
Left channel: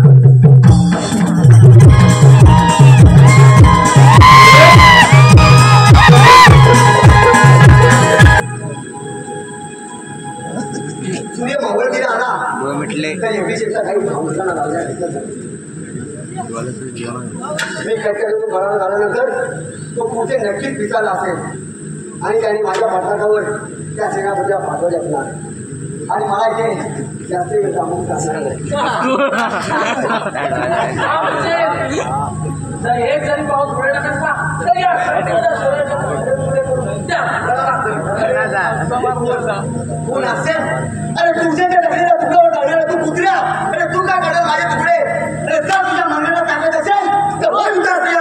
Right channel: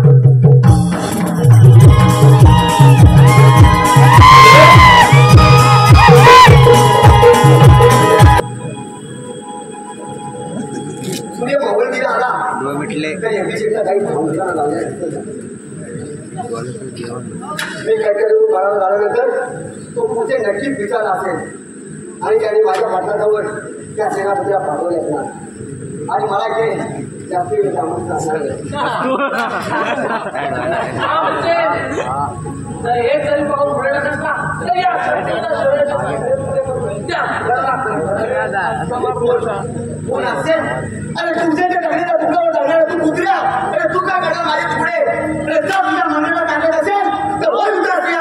असेल आणि त्याने माझ्या पाठलाटावर त्या सेनापतीला पाठवले असणार आणि मला इथे जास्त वेळ थांबून जर एक जरी पाऊस पुढे नसता तर या कोण असेल? अरे तुमच्या टकलेला तुकावर टाकलेला तू कुत्र्या, अरे तू काय करणार माझे तुकडे? अरे जर तुझ्या मागण्याला टाकत असेल तर वर उतरते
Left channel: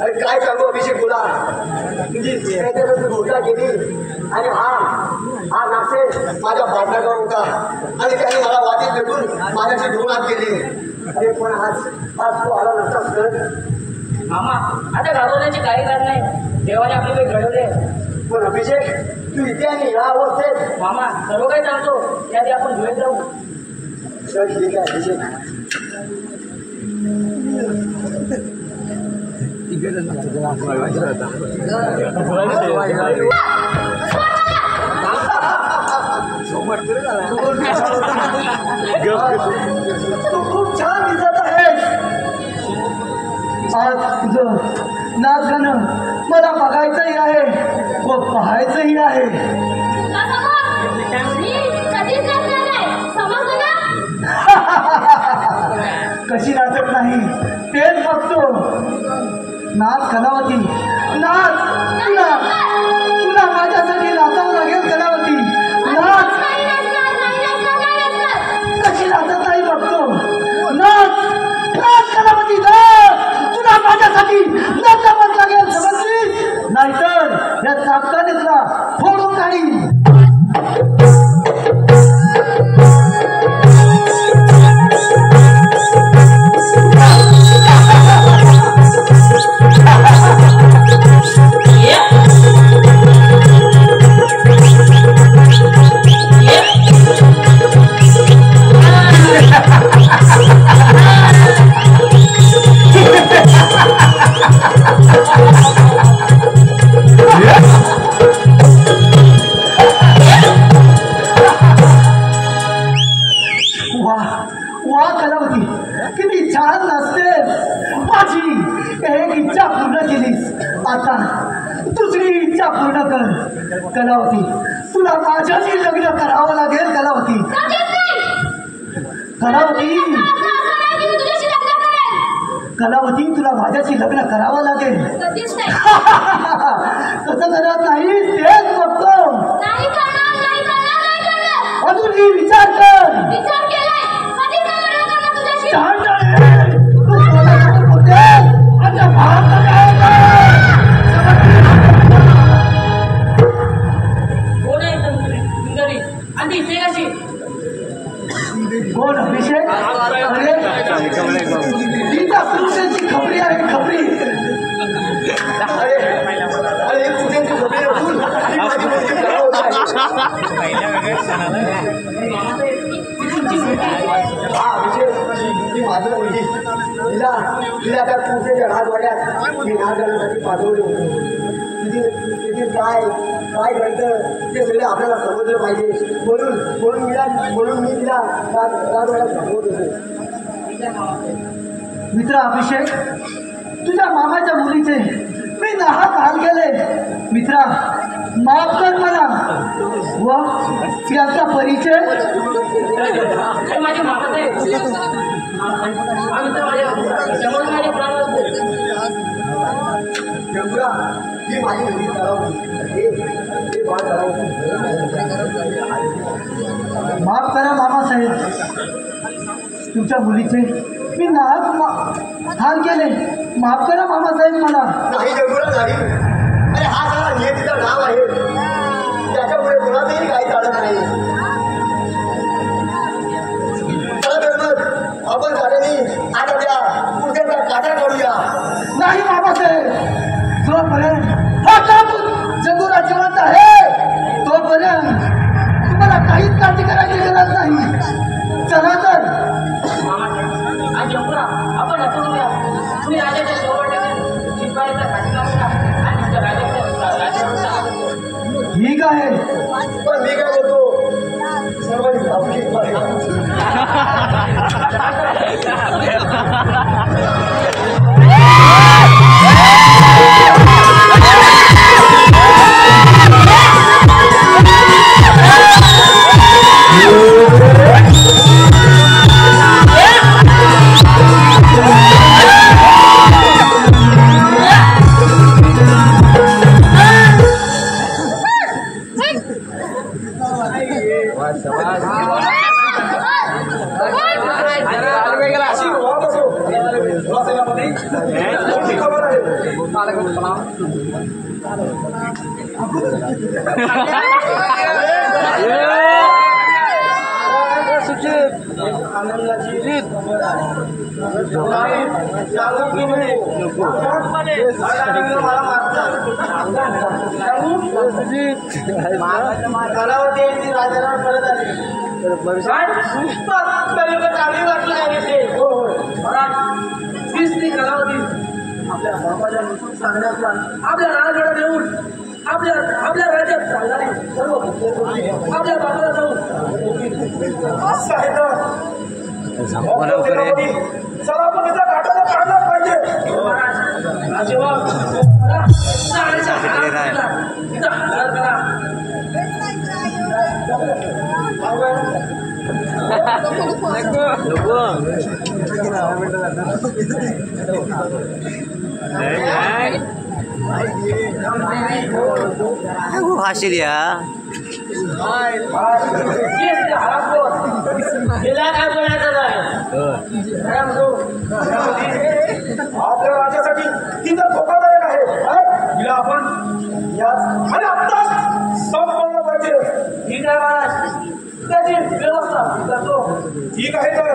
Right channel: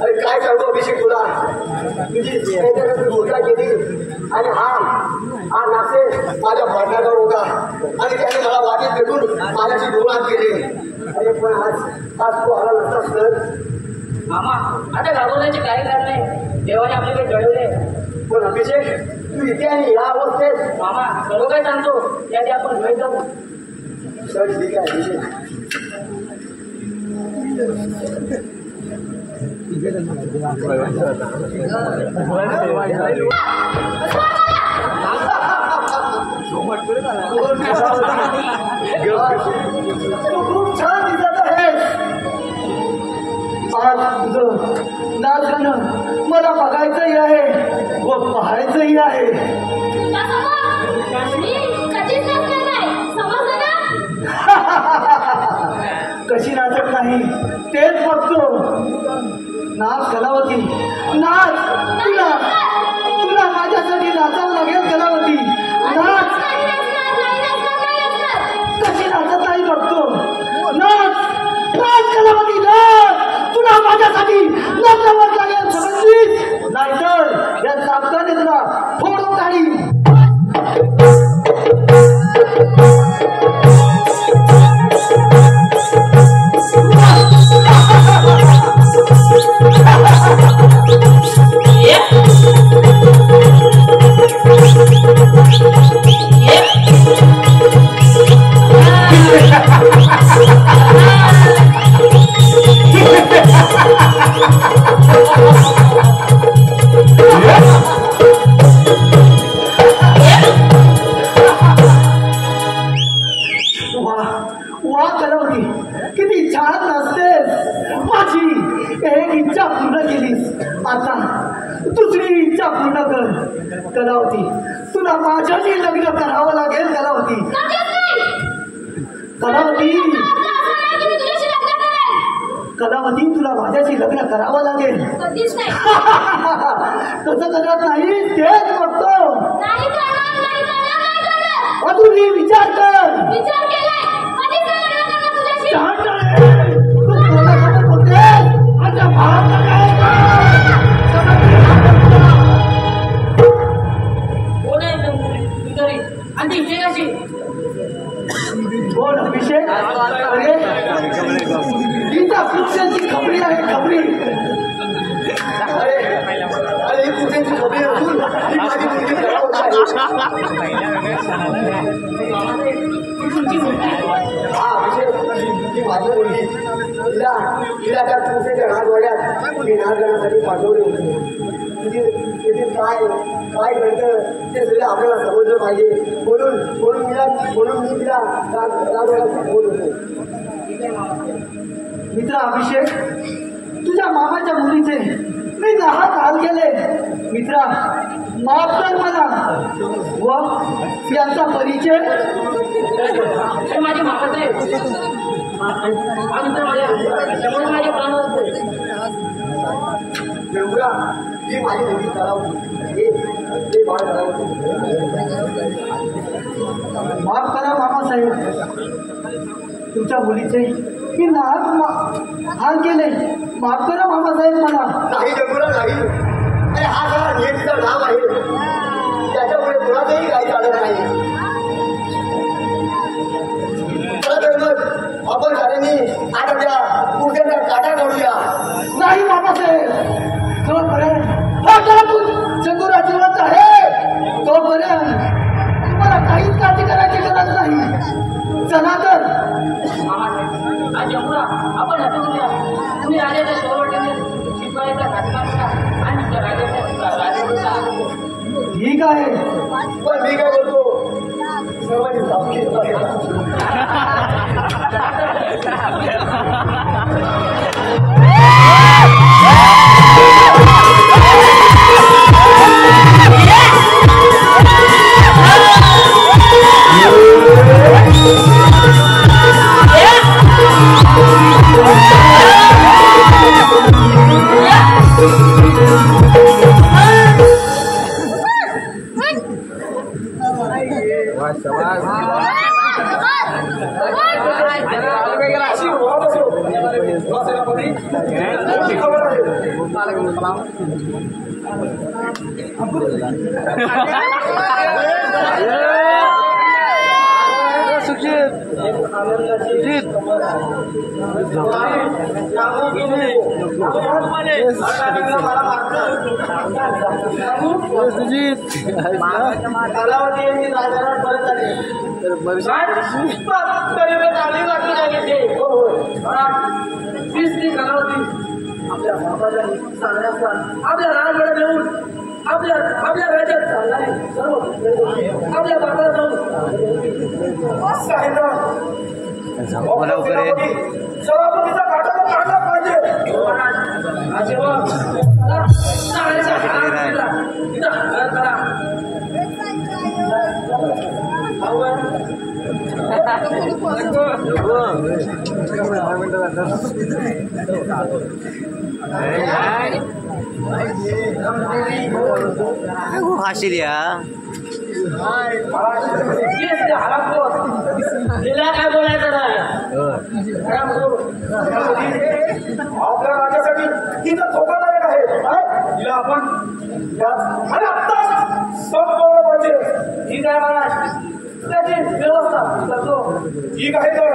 अरे काय सांगू अभिषेक तुला पूजा केली आणि हा नासे माझ्या पाठलावर होता आणि त्याने मला वाटेत भेटून माझ्याशी 2 हात केले. अरे पण आज तू आला नसतास तर मामा आता घाबरण्याची काही कारण नाही. देवाने आपल्याला घडवले. पण अभिषेक तू इथे आणि या अवस्थेत मामा सर्व काही सांगतो यादी आपण धुळे जाऊ. चल ठीक आहे अभिषेक. खूप छान दिसत आहे. आज तुझं नाच गाणं मला बघायचंही आहे व पाहायचंही आहे. कशी नाचत नाही तेच बघतो. नाच कलावती नाच. तुला माझ्यासाठी नाचावं लागेल कलावती. नाच. कशी नाचत नाही बघतो. नाच नाच कलावती नाच. तुला माझ्यासाठी नाचावं लागेल समजलीस नाहीतर या चाकताने तुला फोडून काढी. कलावती तुला माझ्याशी लग्न करावं लागेल. कलावती कलावती तुला माझ्याशी लग्न करावं लागेल. तसं करत नाही तेच बघतो. अजूनही विचार कर. कोण अभिषेक? अरे गीता कुत्र्याची खबरी आहे. खबरी. अरे अरे ही कुत्र्याची खबरी असून ही माझी मुलगी करावं. तिला त्या तुमच्या राजवाड्यात मी नागरासाठी पाठवले होते. तिथे काय काय घडतं ते सगळं आपल्याला समजलं पाहिजे म्हणून मी तिला राजवाड्यात पाठवत होतो. मित्र अभिषेक, तुझ्या मामाच्या मुलीचे मी नाहक हाल केले. मित्रा, माफ कर मला. व त्यांचा परिचय माझे मामा साहेब माझ्या प्राण ही माझी मुलगी माफ करा मामासाहेब, तुमच्या मुलीचे मी नाहक हाल केले. माफ करा मामासाहेब मला. नाही जगुरा नाही. अरे हा सगळा नियतीचा नाव आहे, त्याच्यामुळे कुणाचंही काही चालत नाही. चला तर मग आपण साऱ्यांनी आता त्या पुढच्या काटा काढूया. नाही मामासाहेब, जोपर्यंत जगुरा जिवंत आहे तोपर्यंत तुम्हाला काहीच काळजी करायची गरज नाही. चला तर आपण असं करूया, तुम्ही राजाच्या शेवटने शिपायाचा घाटका करा आणि राजावर चालू. ठीक आहे, पण मी काय करतो सर्वांनी चांगली वाटली नाही आपल्या बाबाच्या सांगण्याचा आपल्या राजगडात येऊन आपल्या राज्यात चालणारे सर्व आपल्या बाबाला जाऊन चला आपण त्याचा घाटाचा काढलाच पाहिजे. हाशी द्या काय बोलायचं आपल्या राज्यासाठी ही तर धोकादायक आहे. हिला आपण आणि आत्ताच संपवलं पाहिजे. ठीक आहे महाराज, त्याची व्यवस्था करतो. ठीक आहे तर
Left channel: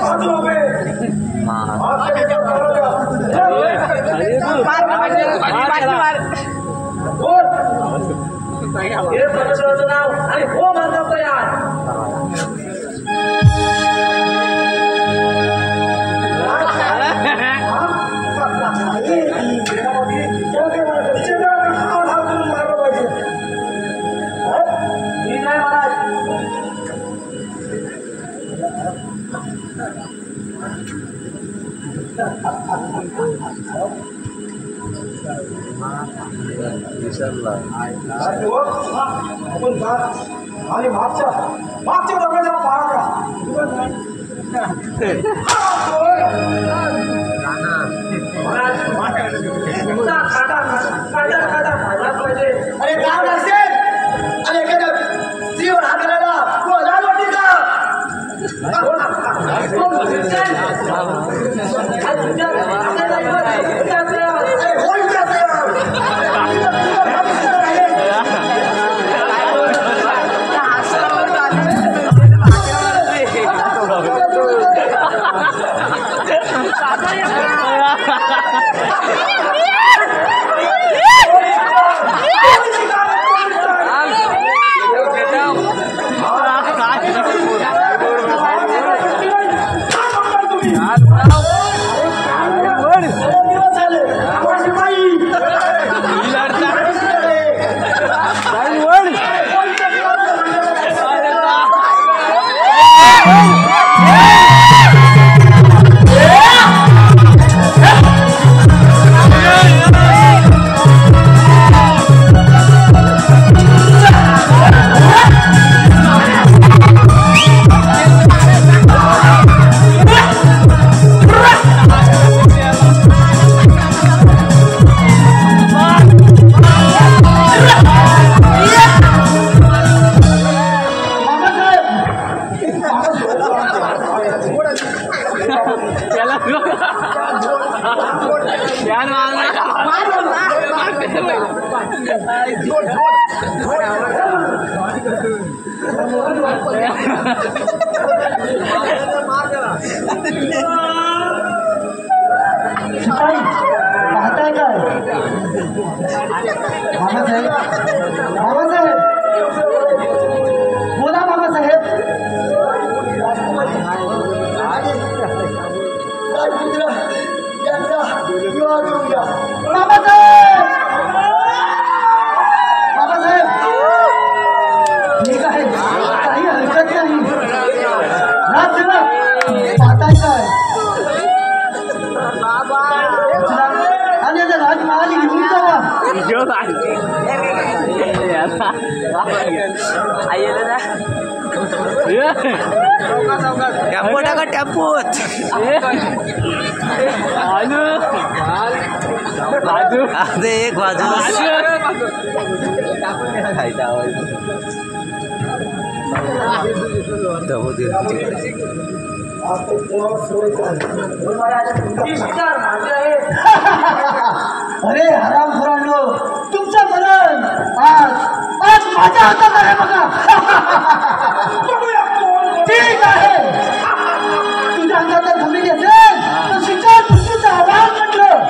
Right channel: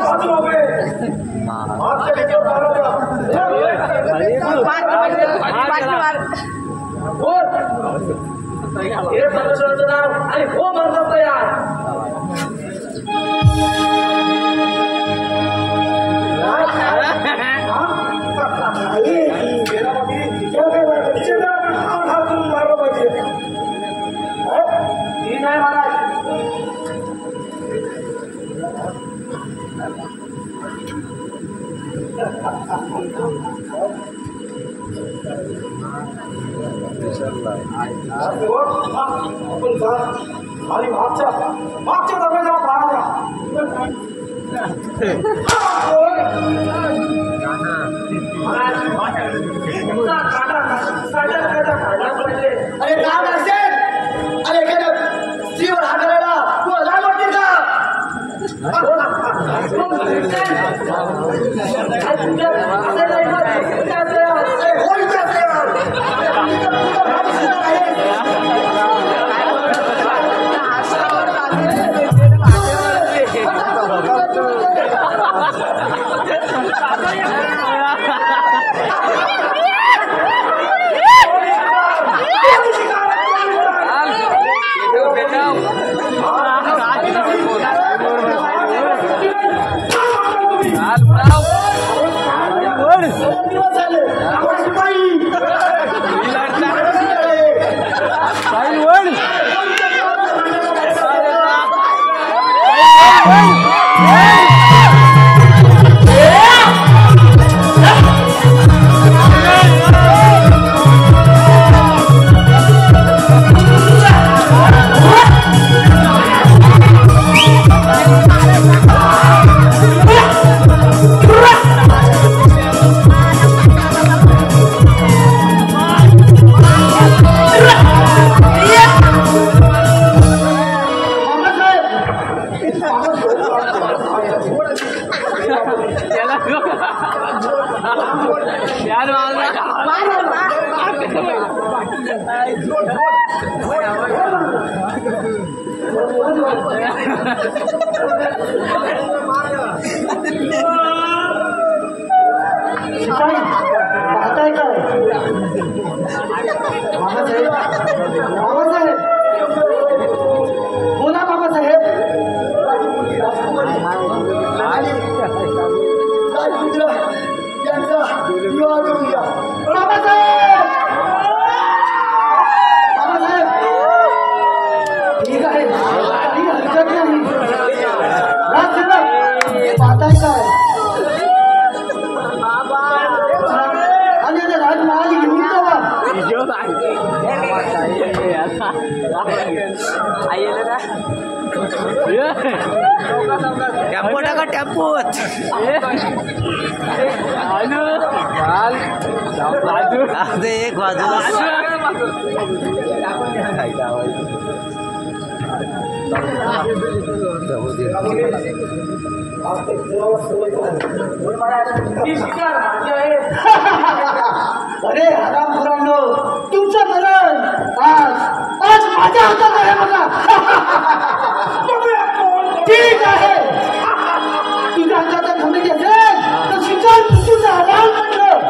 बाजूला उभे. हात ते घेतात बाजूला. हे परमेश्वराचं नाव आणि हो म्हणतात तयार. मारलं पाहिजे. ठीक आहे महाराज. आपण जा आणि मागच्या दरवाजा पारा द्या. अरे काम असेल अरे एखाद्या स्त्रीवर हात धरायला तुला लाज वाटते बेटा शिपाई पाहताय काय बाबासाहेब बाबासाहेब बोला बाबासाहेब बाबासाहेब ठीक आहे काही हरकत नाही राजसेवक पाहताय काय राजमहाल घेऊन जावा टेम्पो टाका टेम्पोत एक बाजूला अरे हराम पुराणो तुमचं मरण आज माझ्या हातात आहे बघा ठीक आहे तुझ्या हातात धुणी घेतले तर शिक्षण तुझं आभार म्हटलं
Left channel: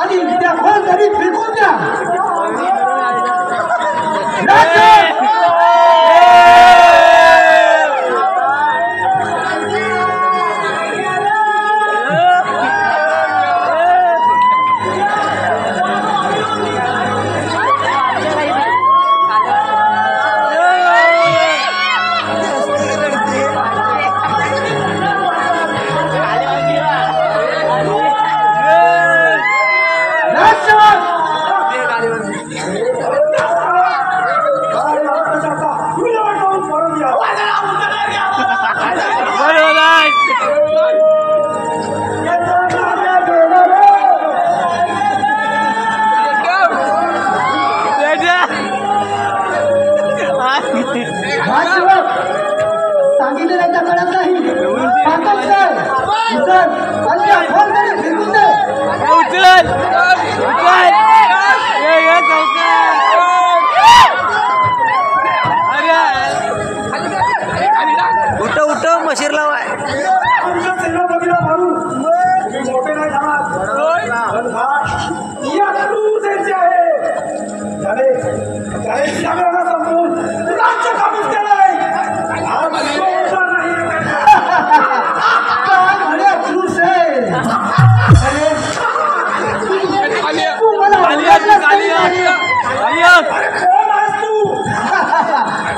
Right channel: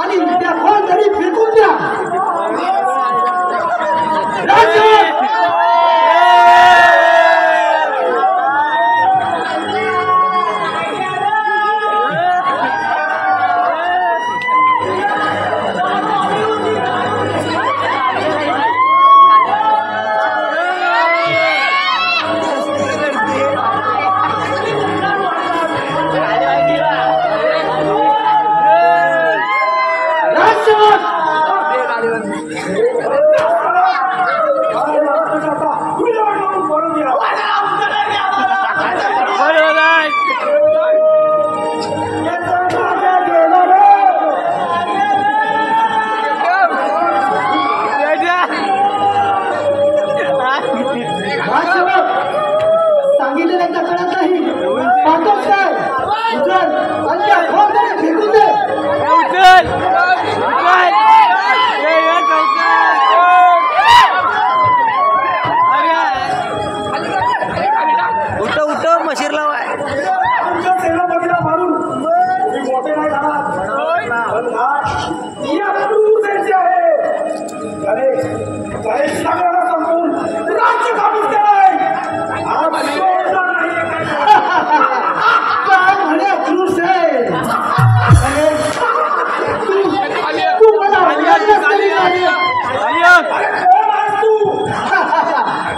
आणि त्या फोन तरी फेकून द्या मशीर लावाय तुमच्या सेनापतीला मारून तुम्ही मोठे नाही जाणार आहे त्याने सागराला संपवून राज्य काबूत केलंय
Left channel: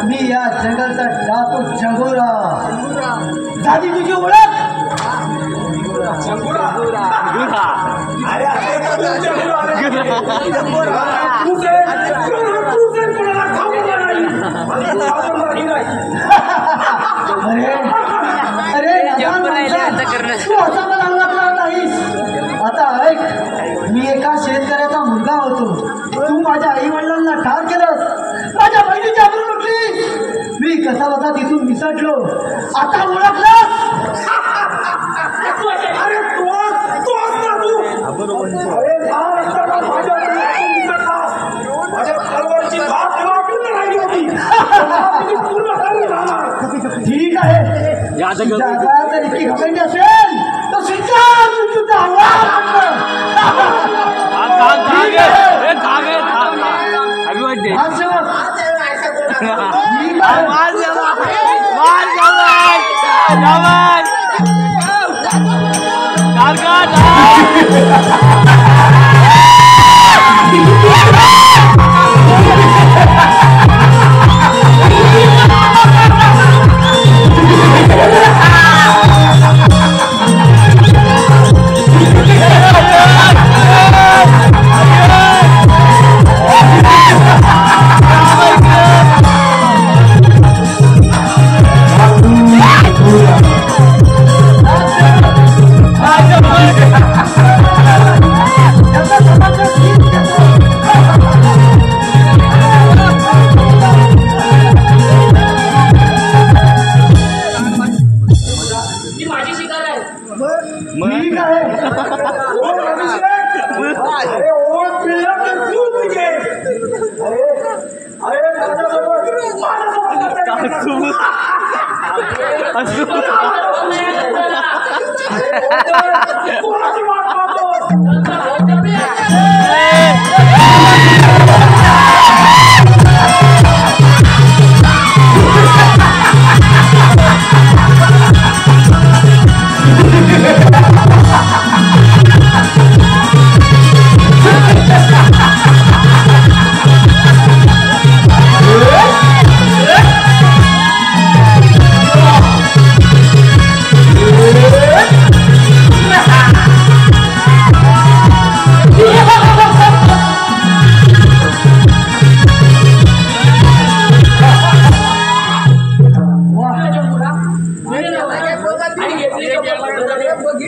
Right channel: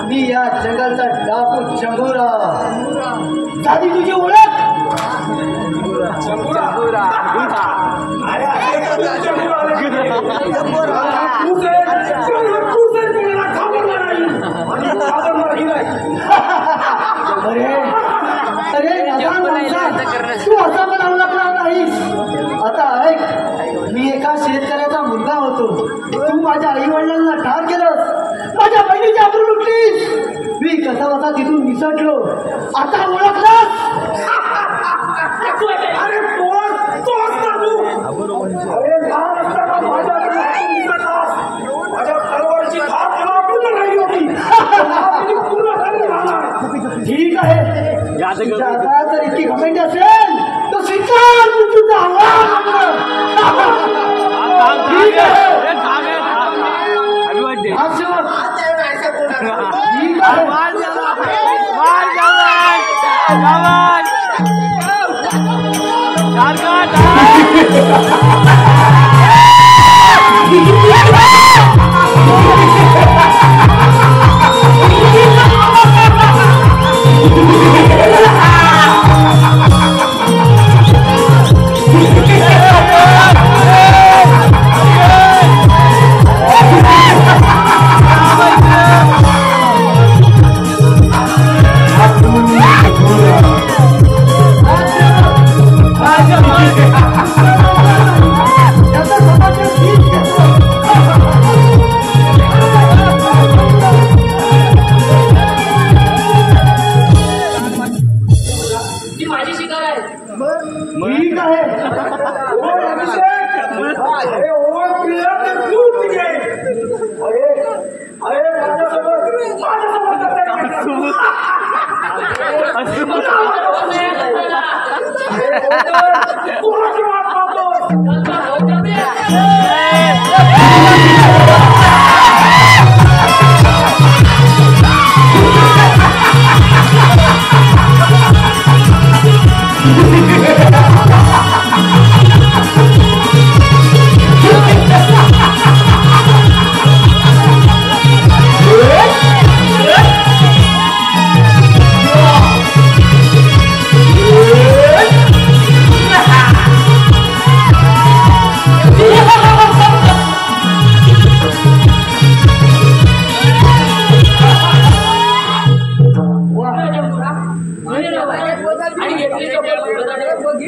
मी या जगाचा डाकू चंगोरा झाली तुझी ओळख आता ऐक मी एका शेतकऱ्याचा मुलगा होतो तू माझ्या आई वडिलांना ठार केलंस ठीक आहे तुझ्या अंगात जर इतकी घमंड असेल तर स्वीकार तू तुझा अंगात. ठीक आहे माणसावर.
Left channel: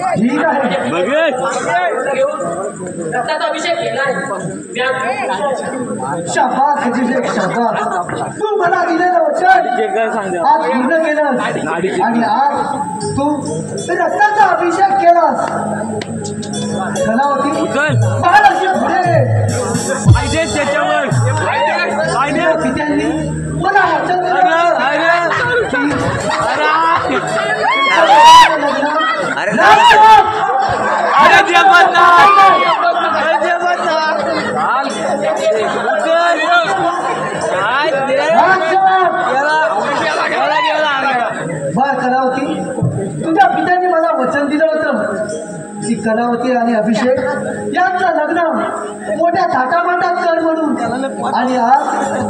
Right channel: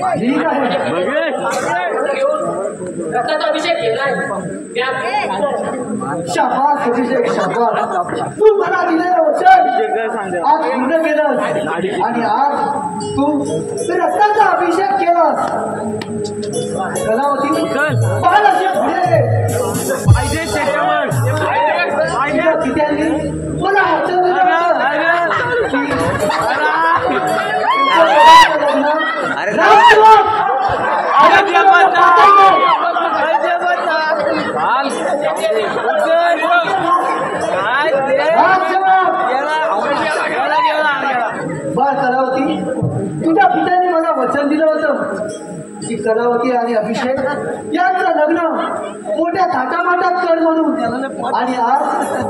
ठीक आहे रक्ताचा अभिषेक केलाय. तू मला दिलेलं वचन आज पूर्ण केलं आणि आज तू रक्ताचा अभिषेक केलास. कलावती पाहत अशी पुढे पित्यांनी मला वचन दिलं. बर कलावती तुझ्या पित्याने मला वचन दिलं होतं की कलावती आणि अभिषेक यांचं लग्न मोठ्या थाटामाटात कर म्हणून आणि आज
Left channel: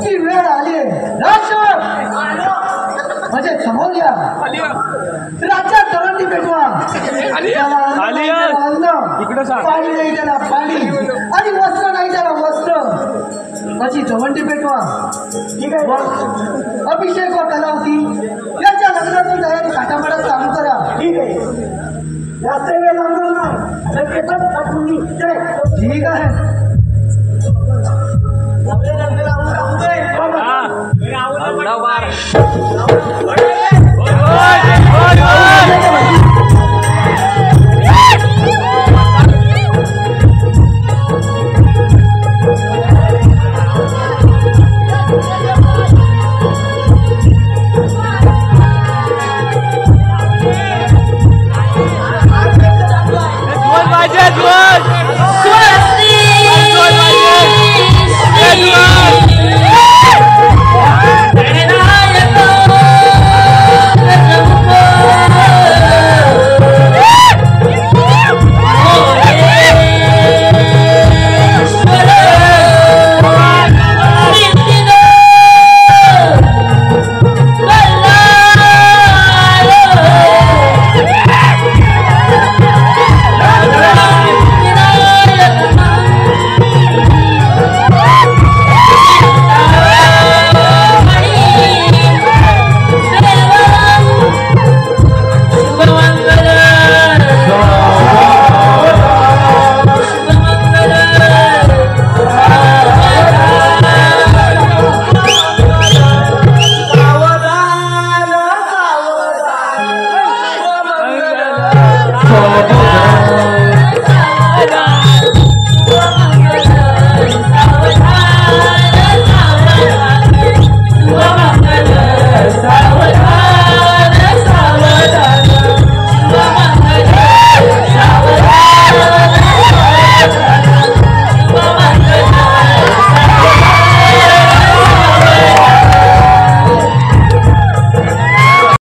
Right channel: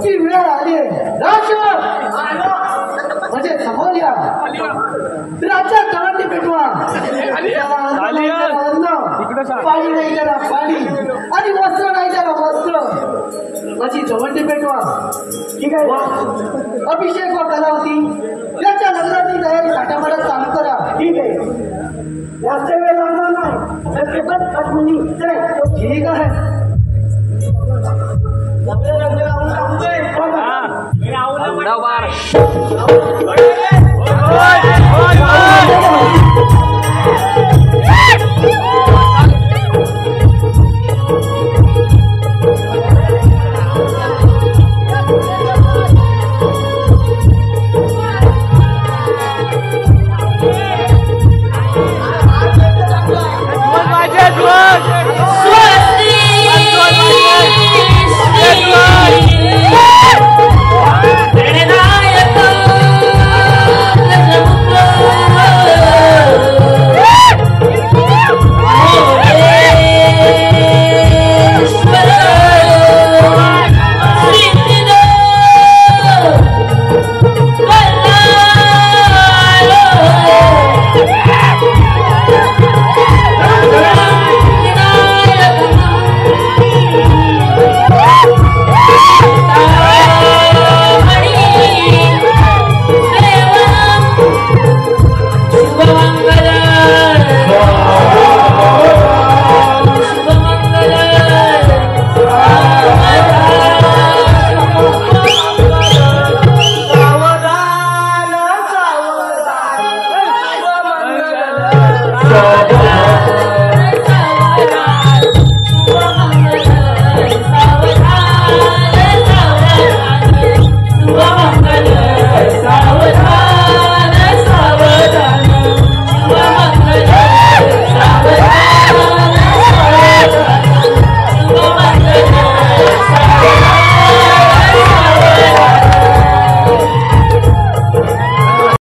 ती वेळ आली आहे. म्हणजे समोर या राज्यात दवंडी पेटवा. पाणी नाही त्याला पाणी आणि वस्त्र नाही त्याला वस्त्र अशी दवंडी पेटवा. ठीक आहे अभिषेक व कलावती यांच्या लग्नाची तयारी थाटामाटात चालू करा. ठीक आहे जास्त वेळ लागणार नाही. ठीक आहे उडाव बार सावधान